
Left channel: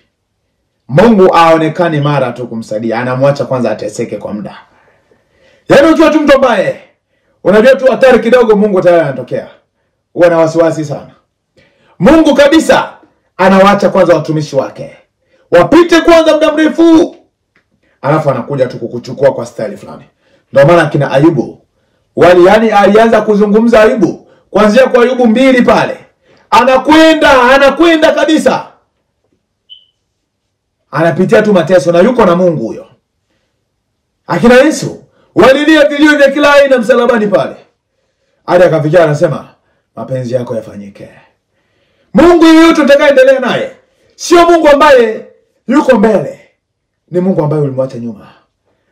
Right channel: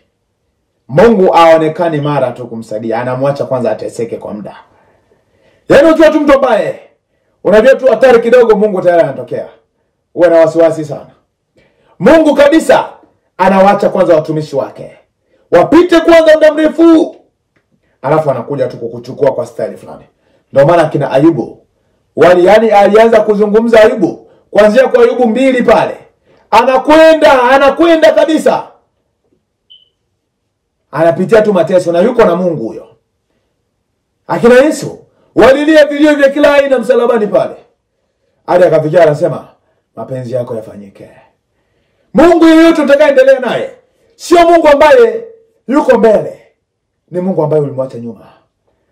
Mungu aonekani mara tu kumsaidia, anamwacha kwanza ateseke kwa muda. Yaani ukiwa tu mtu ambaye unajua tu hatari kidogo, Mungu tayari anatokea. Uwe na wasiwasi sana. Mungu kabisa anawaacha kwanza watumishi wake wapite kwanza muda mrefu, alafu anakuja tu kukuchukua kwa style fulani. Ndio maana kina Ayubu yani alianza kuzungumza Ayubu kuanzia kwa Ayubu 2 pale. Anakwenda kabisa. Anapitia tu mateso na yuko na Mungu huyo. Akina Yesu walilia vilio vya kila aina msalabani pale. Hadi akafikia anasema, mapenzi yako yafanyike. Mungu yeyote utakaendelea naye sio Mungu ambaye yuko mbele, ni Mungu ambaye ulimwacha nyuma.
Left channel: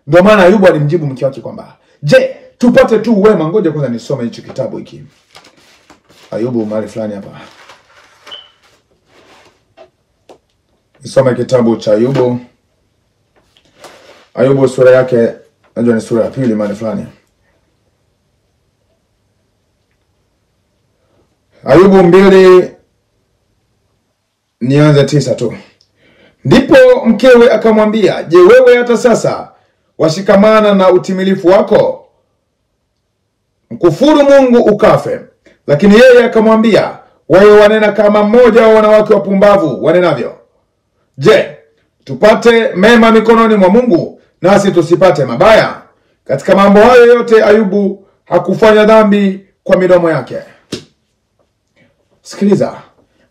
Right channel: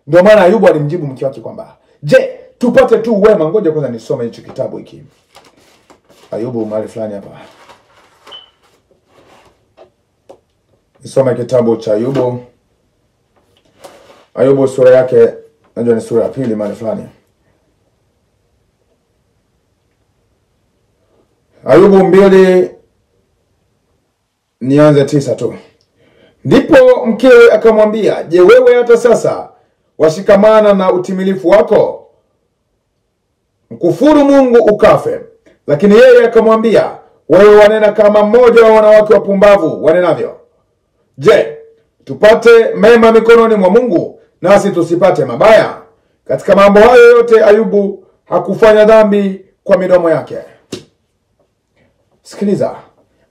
Ndio maana Ayubu alimjibu mke wake kwamba, je, tupate tu wema. Ngoja kwanza nisome hicho kitabu hiki. Ayubu mahali fulani hapa. Nisome kitabu cha Ayubu. Ayubu sura yake, najua ni sura ya 2 mahali fulani. Ayubu 2 nianze 9 tu. Ndipo mkewe akamwambia, je, wewe hata sasa washikamana na utimilifu wako? Mkufuru Mungu ukafe. Lakini yeye akamwambia, wewe wanena kama mmoja wa wanawake wapumbavu wanenavyo. Je, tupate mema mikononi mwa Mungu nasi tusipate mabaya? Katika mambo hayo yote Ayubu hakufanya dhambi kwa midomo yake. Sikiliza.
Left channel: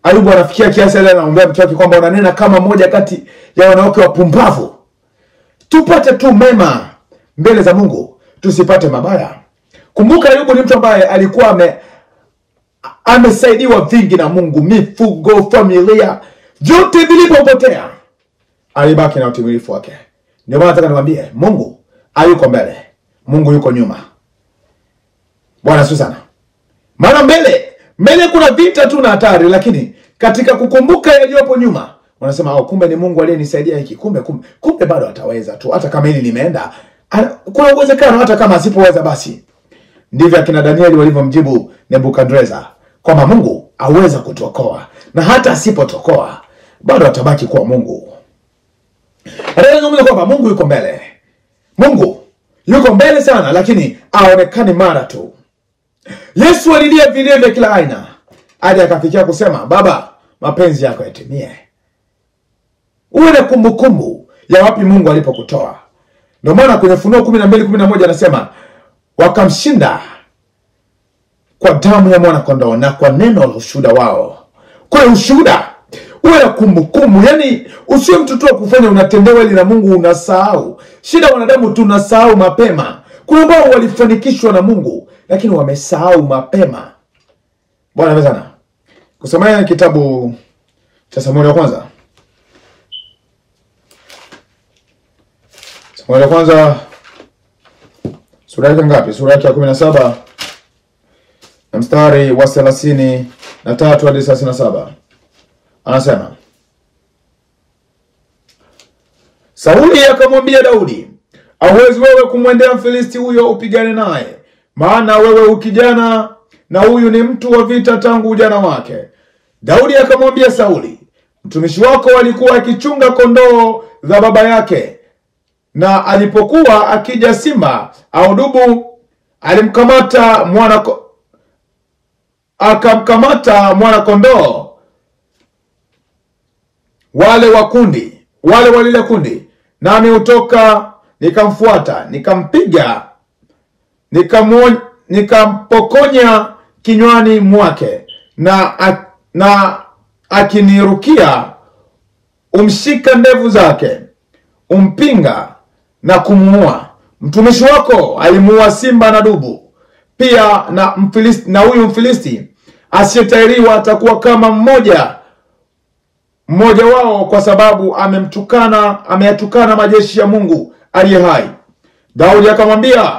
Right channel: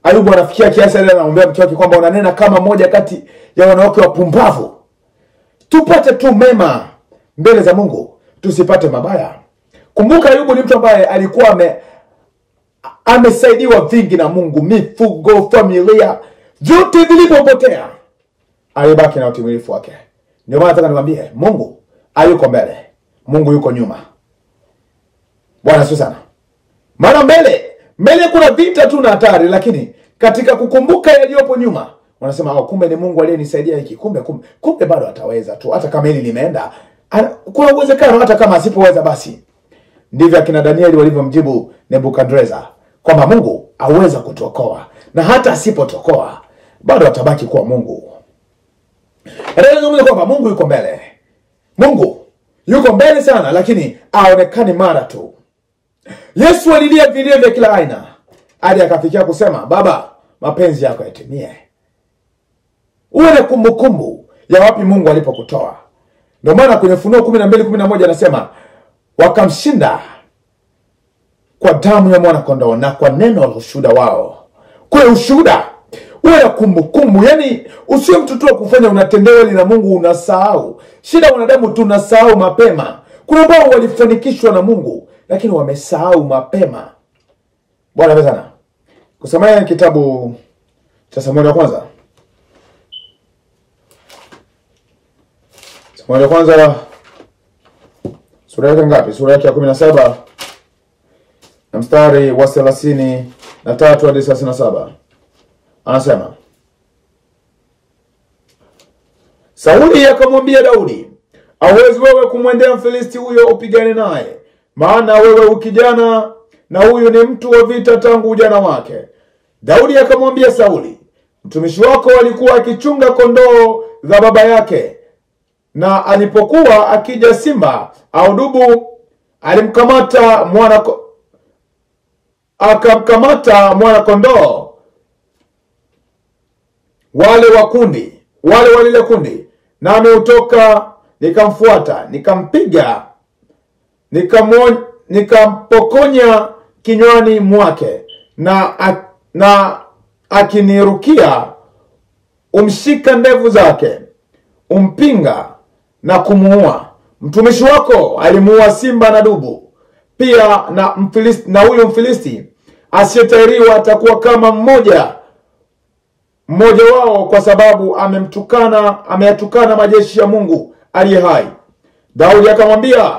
Ayubu anafikia kiasi ile anaomba mke wake kwamba unanena kama mmoja kati ya wanawake wapumbavu. Tupate tu mema mbele za Mungu, tusipate mabaya. Kumbuka Ayubu ni mtu ambaye alikuwa amesaidiwa vingi na Mungu, mifugo, familia, vyote vilipopotea. Alibaki na utimilifu wake. Ndio maana nataka niwaambie, Mungu hayuko mbele, Mungu yuko nyuma. Bwana Yesu sana. Maana mbele kuna vita tu na hatari, lakini katika kukumbuka yaliyopo nyuma, wanasema kumbe ni Mungu aliyenisaidia hiki, kumbe bado ataweza tu hata kama hili limeenda. Kuna uwezekano hata kama asipoweza basi. Ndivyo akina Danieli walivyomjibu Nebukadreza kwamba Mungu aweza kutuokoa, na hata asipotokoa bado atabaki kuwa Mungu. Anazungumza kwamba Mungu yuko mbele. Mungu yuko mbele sana, lakini aonekane mara tu. Yesu alilia vilio vya kila aina hadi akafikia kusema, Baba, mapenzi yako yatimie. Uwe na kumbukumbu ya wapi Mungu alipokutoa. Ndio maana kwenye Ufunuo 12:11 anasema, wakamshinda kwa damu ya mwana kondoo na kwa neno la ushuhuda wao. Kwa ushuhuda, uwe na kumbukumbu. Yani usiwe mtu tu kufanya unatendewa ili na Mungu unasahau. Shida wanadamu tunasahau mapema. Kuna ambao walifanikishwa na Mungu lakini wamesahau mapema. Bwana bezana. Kusomea kitabu cha Samueli wa kwanza. Samueli wa kwanza sura yake ngapi? Sura yake ya 17 na mstari wa 33 hadi 37. Anasema, Sauli akamwambia Daudi, hauwezi wewe kumwendea Mfilisti huyo upigane naye, maana wewe ukijana na huyu ni mtu wa vita tangu ujana wake. Daudi akamwambia Sauli, mtumishi wako alikuwa akichunga kondoo za baba yake, na alipokuwa akija simba au dubu, akamkamata mwana kondoo wale walile kundi, nami utoka nikamfuata, nikampiga, nikampokonya kinywani mwake, na akinirukia umshika ndevu zake, umpinga na kumuua. Mtumishi wako alimuua simba na dubu. Pia na huyu Mfilisti asiyetahiriwa atakuwa kama mmoja wao, kwa sababu ameyatukana majeshi ya Mungu aliye hai. Daudi akamwambia,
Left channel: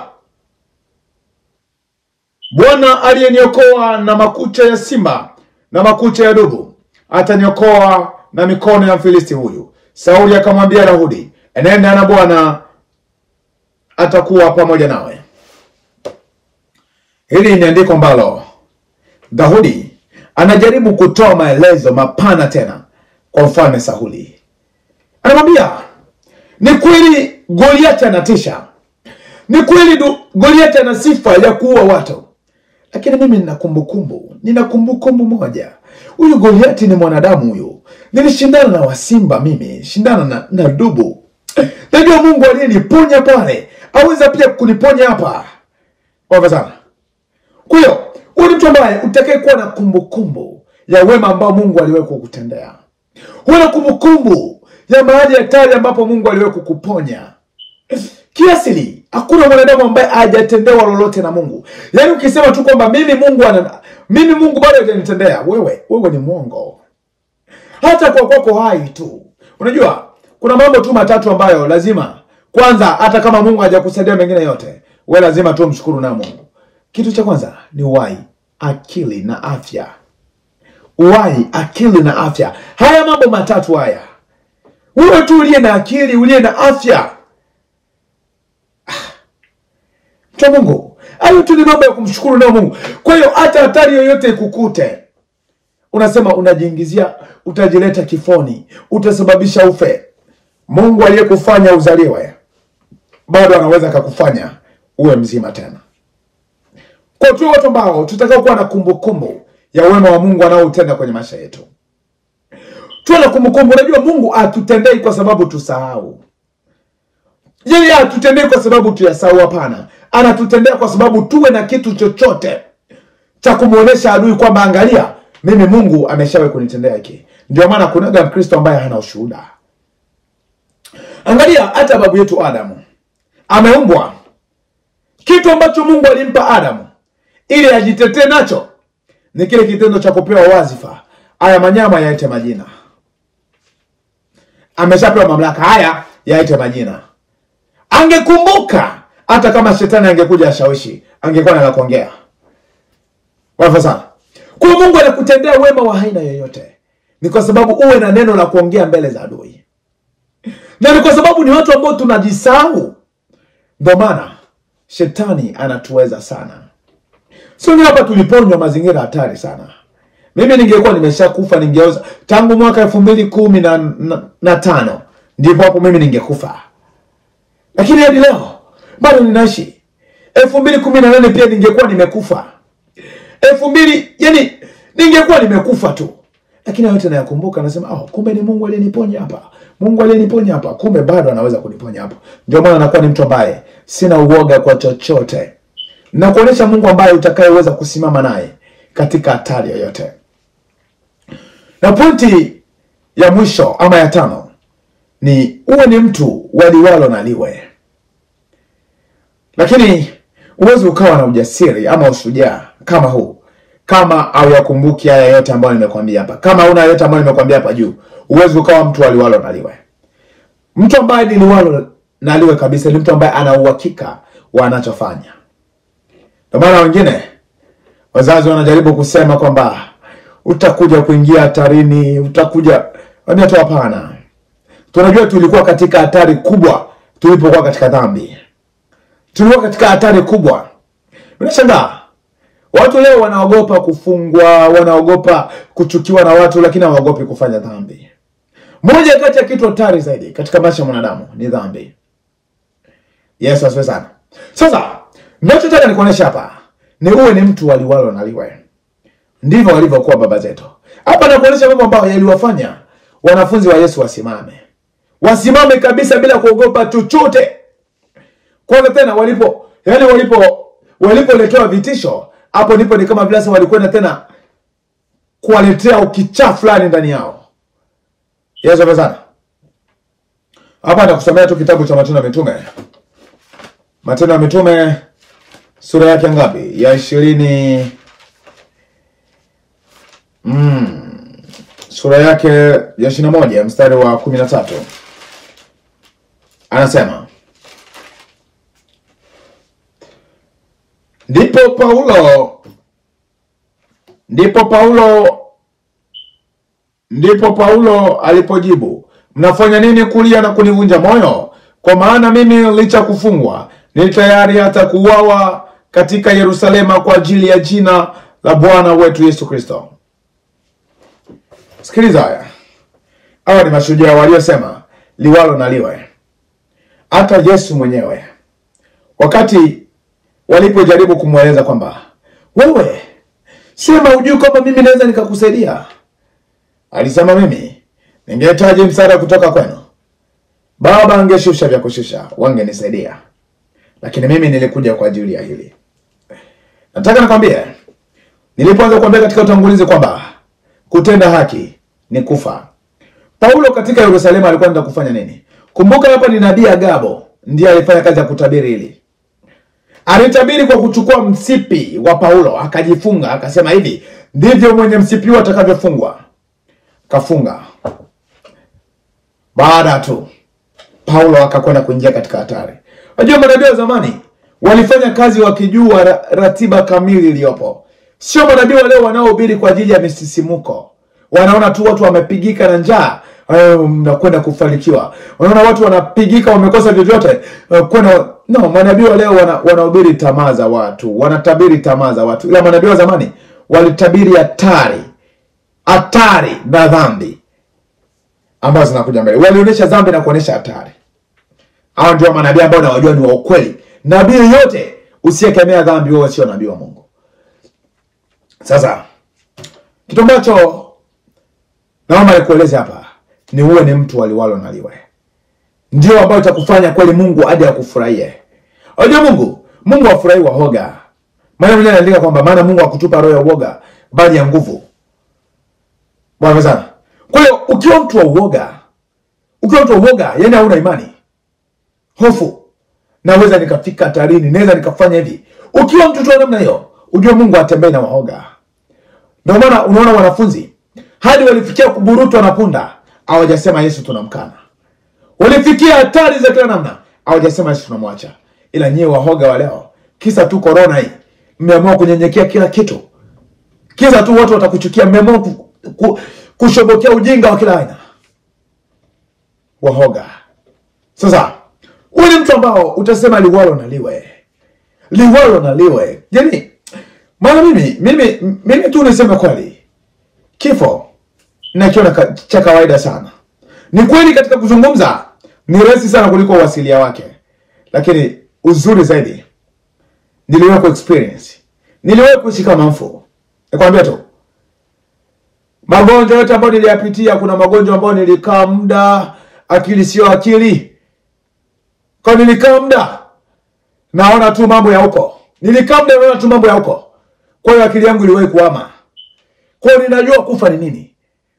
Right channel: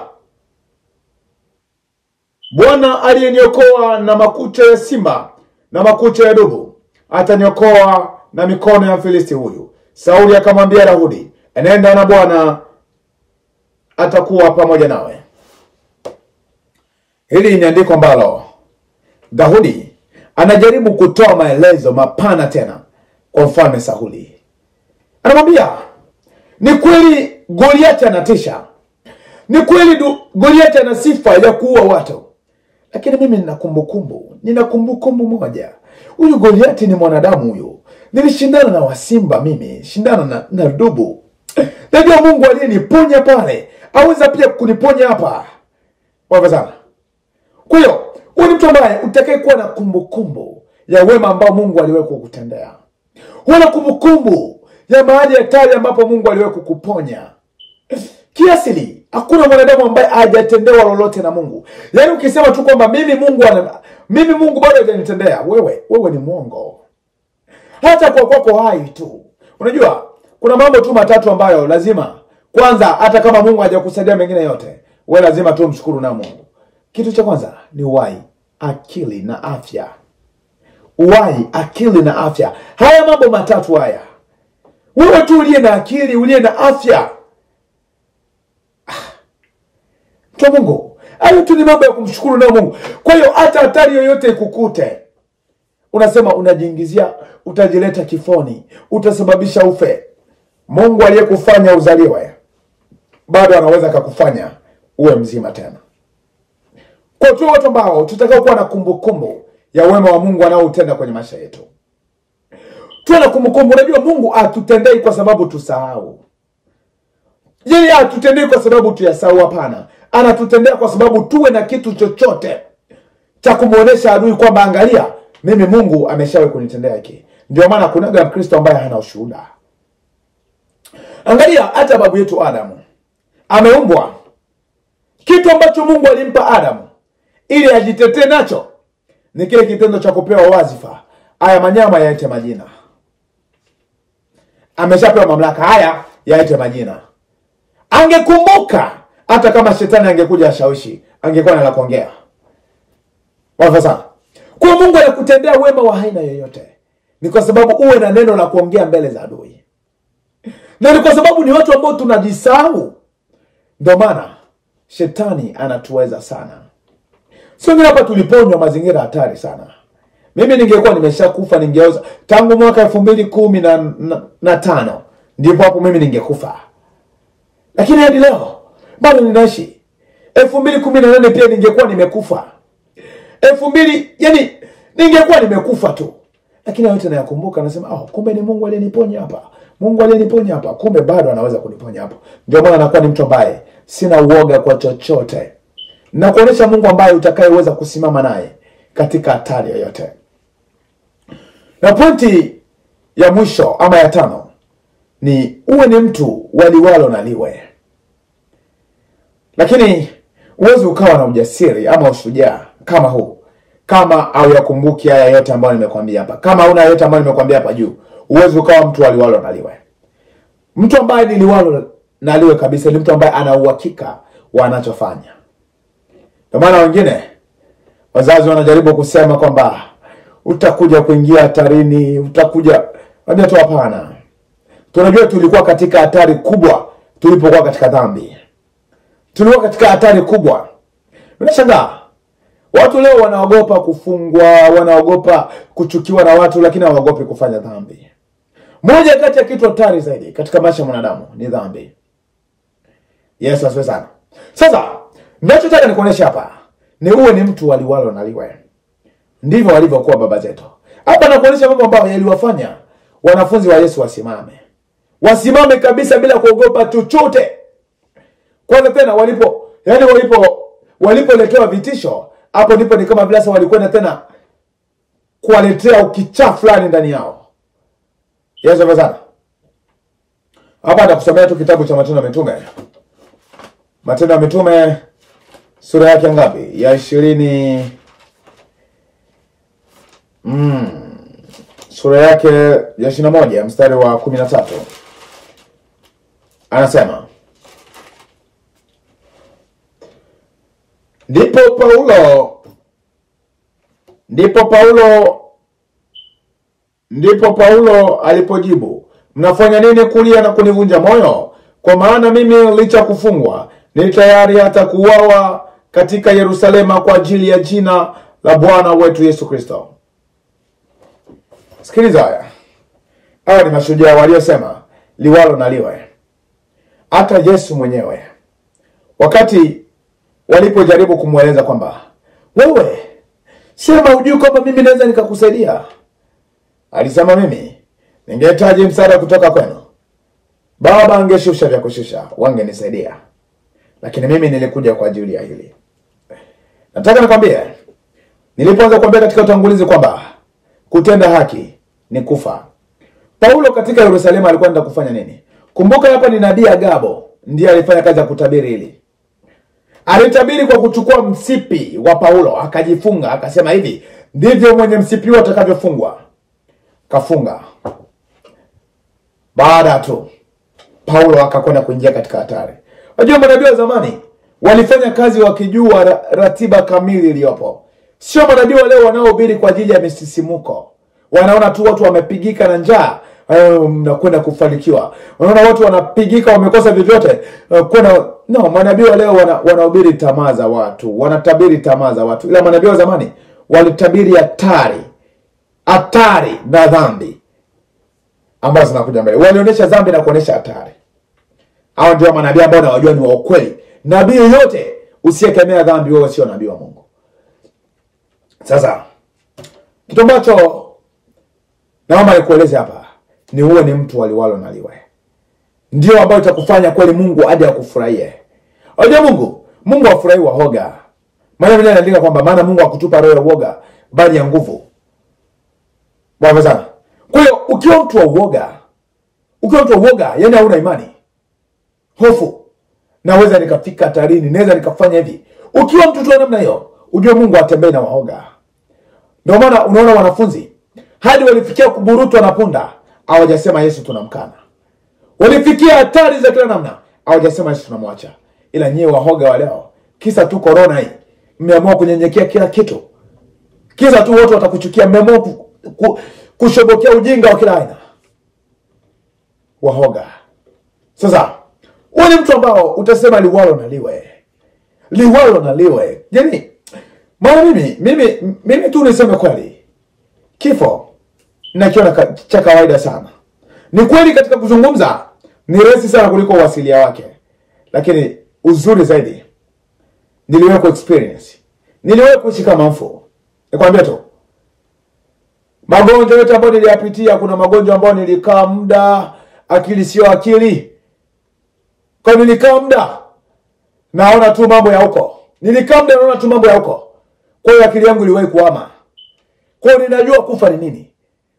Bwana aliyeniokoa na makucha ya simba na makucha ya dubu, ataniokoa na mikono ya Mfilisti huyu. Sauli akamwambia Daudi, enenda na Bwana atakuwa pamoja nawe. Hili ni andiko ambalo Daudi anajaribu kutoa maelezo mapana tena kwa mfalme Sauli. Anamwambia, ni kweli Goliathi anatisha, ni kweli Goliathi ana sifa ya kuua watu, lakini mimi nina kumbukumbu moja. Huyu Goliathi ni mwanadamu huyu. Nilishindana na wasimba mimi, shindana na dubu. Najua Mungu aliyeniponya pale aweza pia kuniponya hapa. Kwa sana. Kwa hiyo, huyu ni mtu ambaye utakaye kuwa na kumbukumbu ya wema ambao Mungu aliwahi kukutendea. Huwa na kumbukumbu ya mahali hatari ambapo Mungu aliwahi kukuponya. Kiasili, hakuna mwanadamu ambaye hajatendewa lolote na Mungu. Yaani ukisema tu kwamba mimi Mungu bado hajanitendea, wewe ni mwongo. Hata kwa kwako hai tu. Unajua, kuna mambo tu matatu ambayo lazima, kwanza, hata kama Mungu hajakusaidia mengine yote, wewe lazima tu mshukuru na Mungu. Kitu cha kwanza ni uhai, akili na afya. Uhai, akili na afya. Haya mambo matatu haya. Wewe tu uliye na akili, uliye na afya, kwa Mungu, hayo tu ni mambo ya kumshukuru na Mungu. Kwa hiyo hata hatari yoyote ikukute, unasema unajiingizia, utajileta kifoni, utasababisha ufe. Mungu aliyekufanya uzaliwe bado anaweza kukufanya uwe mzima tena. Kwa tu watu ambao tutakao kuwa na kumbukumbu ya wema wa Mungu anaotenda kwenye maisha yetu. Tuwe na kumbukumbu. Unajua Mungu hatutendei kwa sababu tusahau. Yeye hatutendei kwa sababu tuyasahau, hapana. Anatutendea kwa sababu tuwe na kitu chochote cha kumuonesha adui kwamba angalia, mimi Mungu ameshawahi kunitendea hiki. Ndio maana kuna Mkristo ambaye hana ushuhuda. Angalia hata babu yetu Adamu. Ameumbwa. Kitu ambacho Mungu alimpa Adamu ili ajitetee nacho ni kile kitendo cha kupewa wazifa. Haya manyama yaite majina. Ameshapewa mamlaka, haya yaite majina. Angekumbuka, hata kama shetani angekuja ashawishi, angekuwa na la kuongea. Wafa sana. Kwa Mungu anakutendea wema wa aina yoyote, ni kwa sababu uwe na neno la kuongea mbele za adui. Na ni kwa sababu ni watu ambao tunajisahau. Ndio maana shetani anatuweza sana. Sio mimi hapa tuliponywa mazingira hatari sana. Mimi ningekuwa nimeshakufa, ningeoza tangu mwaka 2015. Ndipo hapo mimi ningekufa. Lakini hadi leo bado ninaishi. 2018 pia ningekuwa nimekufa. 2000 yani ningekuwa nimekufa tu. Lakini yote nayakumbuka, nasema kumbe ni Mungu aliyeniponya hapa. Mungu aliyeniponya hapa, kumbe bado anaweza kuniponya hapa. Ndio maana nakuwa ni mtu ambaye sina uoga kwa chochote. Na kuonesha Mungu ambaye utakayeweza kusimama naye katika hatari yoyote. Na pointi ya mwisho ama ya 5 ni uwe ni mtu waliwalo na liwe. Lakini Uwezi ukawa na ujasiri ama ushujaa kama huu, kama au yakumbuki haya yote ambayo nimekwambia hapa. Kama huna yote ambayo nimekwambia hapa juu, uwezi ukawa mtu aliwalo na liwe. Mtu ambaye ni liwalo na liwe kabisa ni mtu ambaye ana uhakika wa anachofanya. Ndio maana wengine wazazi wanajaribu kusema kwamba utakuja kuingia hatarini, utakuja. Wambia tu hapana. Tunajua tulikuwa katika hatari kubwa tulipokuwa katika dhambi. Tulikuwa katika hatari kubwa. Unashangaa watu leo wanaogopa kufungwa, wanaogopa kuchukiwa na watu, lakini hawaogopi kufanya dhambi. Moja kati ya kitu hatari zaidi katika maisha ya mwanadamu ni dhambi. Yesu asifiwe sana. Sasa ninachotaka nikuonesha hapa ni uwe ni mtu aliwalo na liwe. Ndivyo walivyokuwa baba zetu. Hapa nakuonesha mambo ambayo yaliwafanya wanafunzi wa Yesu wasimame. Wasimame kabisa bila kuogopa chochote. Kwanza tena walipoletewa vitisho, hapo ndipo ni kama vile walikwenda tena kuwaletea ukichaa fulani ndani yao. Yesu asifiwe sana. Hapa nitakusomea tu kitabu cha Matendo ya Mitume. Matendo ya Mitume sura yake ngapi? Ya 20. Sura yake ya 21 mstari wa 13. Anasema, Ndipo Paulo alipojibu, mnafanya nini kulia na kunivunja moyo? Kwa maana mimi licha kufungwa ni tayari hata kuuawa katika Yerusalema kwa ajili ya jina la Bwana wetu Yesu Kristo. Sikiliza haya. Hawa ni mashujaa waliosema liwalo na liwe. Hata Yesu mwenyewe wakati walipojaribu kumweleza kwamba wewe sema ujui kwamba mimi naweza nikakusaidia, alisema mimi ningehitaji msaada kutoka kwenu. Baba angeshusha vya kushusha, wangenisaidia. Lakini mimi nilikuja kwa ajili ya hili. Nataka nikwambie, nilipoanza kuambia katika utangulizi kwamba kutenda haki ni kufa. Paulo katika Yerusalemu alikuwa anataka kufanya nini? Kumbuka hapa ni nabii Agabo ndiye alifanya kazi ya kutabiri hili. Alitabiri kwa kuchukua msipi wa Paulo, akajifunga, akasema hivi, ndivyo mwenye msipi atakavyofungwa. Kafunga. Baada tu Paulo akakwenda kuingia katika hatari. Unajua manabii wa zamani walifanya kazi wakijua ratiba kamili iliyopo. Sio manabii wa leo wanaohubiri kwa ajili ya misisimuko. Wanaona tu watu wamepigika na njaa, mnakwenda kufanikiwa. Wanaona watu wanapigika wamekosa vyovyote, no, manabii wa leo wanahubiri tamaa za watu, wanatabiri tamaa za watu. Ila manabii wa zamani walitabiri hatari na dhambi ambazo zinakuja mbele. Walionyesha dhambi na kuonyesha hatari. Hao ndio manabii ambao nawajua ni wa ukweli. Nabii yote usiyekemea dhambi, wewe sio nabii wa Mungu. Sasa kitu ambacho naomba nikueleze hapa ni uwe ni mtu aliwalo na liwe. Ndio ambayo itakufanya kweli Mungu hadi akufurahie. Unajua Mungu hafurahi waoga. Maana mwenyewe anaandika kwamba maana Mungu hakutupa roho ya uoga bali ya nguvu. Bwana sana. Kwa hiyo ukiwa mtu wa uoga, yani hauna imani, hofu, naweza nikafika hatarini, naweza nikafanya hivi. Ukiwa mtu tu namna hiyo, ujue Mungu atembee na waoga. Ndio maana unaona wanafunzi hadi walifikia kuburutwa na punda, hawajasema Yesu tunamkana. Walifikia hatari za kila namna, hawajasema Yesu tunamwacha. Ila nyewe waoga wa leo, kisa tu corona hii, mmeamua kunyenyekea kila kitu. Kisa tu watu watakuchukia, mmeamua kushobokea ujinga wa kila aina. Waoga. Sasa wewe ni mtu ambao utasema liwalo na liwe. Liwalo na liwe. Yaani maana mimi tu niseme kweli, kifo nakiona cha kawaida sana. Ni kweli katika kuzungumza ni rahisi sana kuliko uasilia wake. Lakini uzuri zaidi, niliwahi ku-experience. Niliwahi kuishi kama mfu. Nikwambia tu, magonjwa yote ambayo niliyapitia, kuna magonjwa ambayo nilikaa muda, akili sio akili. Kwa nilikaa muda naona tu mambo ya huko. Kwa hiyo akili yangu iliwahi kuhama. Kwa hiyo ninajua kufa ni nini.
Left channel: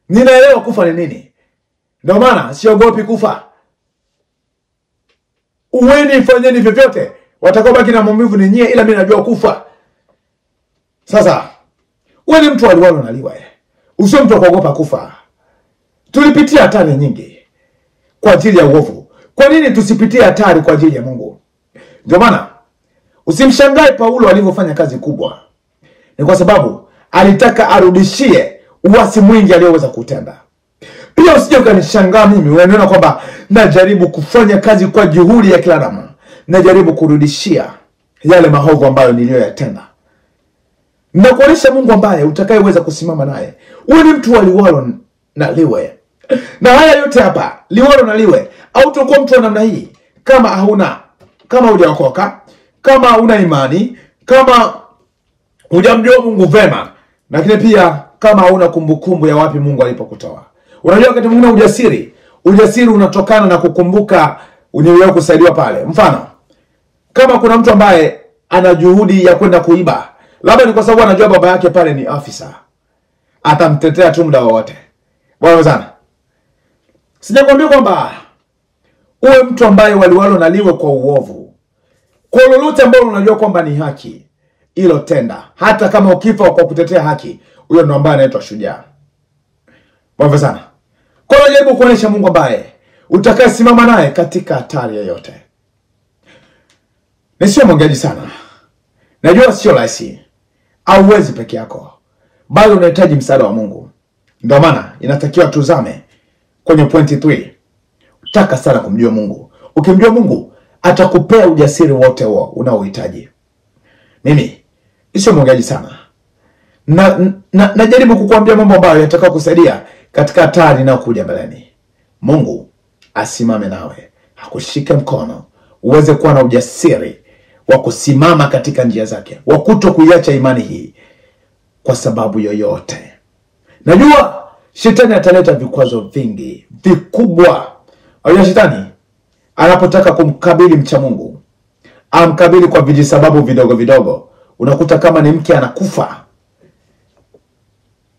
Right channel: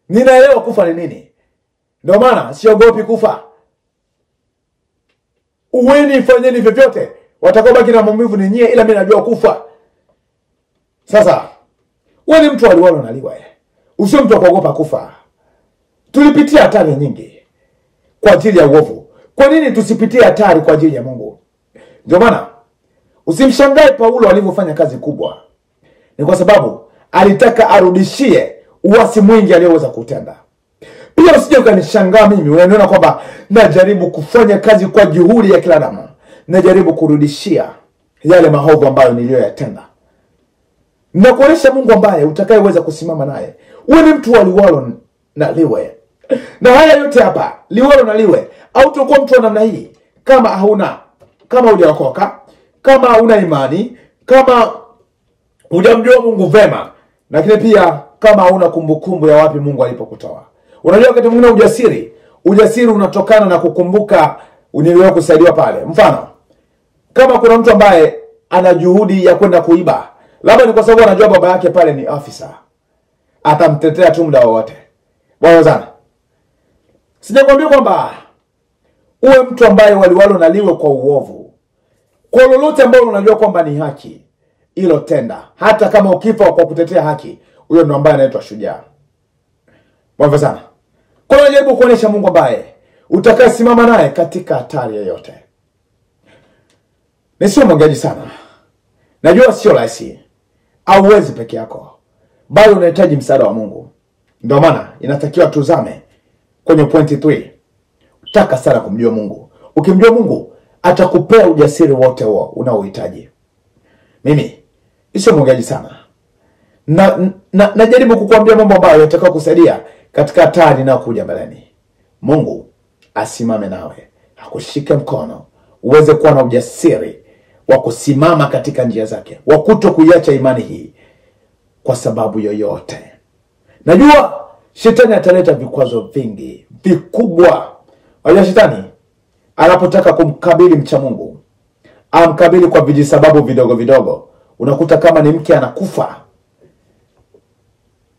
Ninaelewa kufa ni nini. Ndio maana siogopi kufa. Uweni fanyeni vyovyote, Watakaobaki na maumivu ni nyie, ila mimi najua kufa. Sasa wewe ni mtu aliwalo na liwe. Usio mtu kuogopa kufa. Tulipitia hatari nyingi kwa ajili ya uovu. Kwa nini tusipitie hatari kwa ajili ya Mungu? Ndio maana usimshangae Paulo alivyofanya kazi kubwa. Ni kwa sababu alitaka arudishie uasi mwingi aliyoweza kutenda. Pia usije ukanishangaa mimi unaniona kwamba najaribu kufanya kazi kwa juhudi ya kila namna. Najaribu kurudishia yale maovu ambayo niliyoyatenda. Na kuonesha Mungu ambaye utakayeweza kusimama naye. Wewe ni mtu aliwalo na liwe. Na haya yote hapa, liwalo na liwe, au utakuwa mtu wa namna hii kama hujaokoka, kama una imani, kama hujamjua Mungu vema, lakini pia kama hauna kumbukumbu ya wapi Mungu alipokutoa. Unajua wakati mwingine ujasiri unatokana na kukumbuka uliyowahi kusaidiwa pale. Mfano, kama kuna mtu ambaye ana juhudi ya kwenda kuiba, labda ni kwa sababu anajua baba yake pale ni afisa, atamtetea tu muda wote. Bwana sana. Sijakwambia kwamba uwe mtu ambaye waliwalo na liwe kwa uovu. Kwa lolote ambalo unajua kwamba ni haki, hilo tenda. Hata kama ukifa kwa kutetea haki, huyo ndo ambaye anaitwa shujaa. Bwana sana. Kwa jaribu kuonesha Mungu ambaye utakayesimama naye katika hatari yoyote. Nisio mwongeaji sana. Najua sio rahisi. Hauwezi peke yako. Bali unahitaji msaada wa Mungu. Ndio maana inatakiwa tuzame kwenye pointi 3. Utaka sana kumjua Mungu. Ukimjua Mungu, atakupea ujasiri wote huo unaohitaji. Mimi sio mwongeaji sana. Najaribu kukuambia mambo ambayo yatakao kusaidia katika hatari inayokuja mbeleni. Mungu asimame nawe, akushike mkono, uweze kuwa na ujasiri wa kusimama katika njia zake, wa kutokuiacha imani hii kwa sababu yoyote. Najua shetani ataleta vikwazo vingi, vikubwa. Unajua shetani anapotaka kumkabili mcha Mungu, amkabili kwa vijisababu vidogo vidogo. Unakuta kama ni mke anakufa,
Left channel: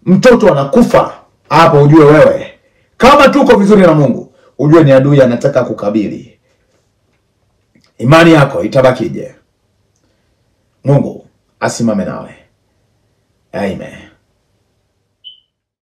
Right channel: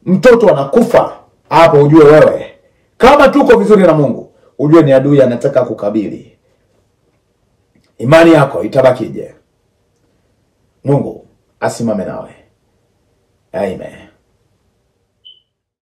mtoto anakufa, hapo ujue wewe kama tuko vizuri na Mungu, ujue ni adui anataka kukabili. Imani yako itabakije? Mungu asimame nawe. Amen.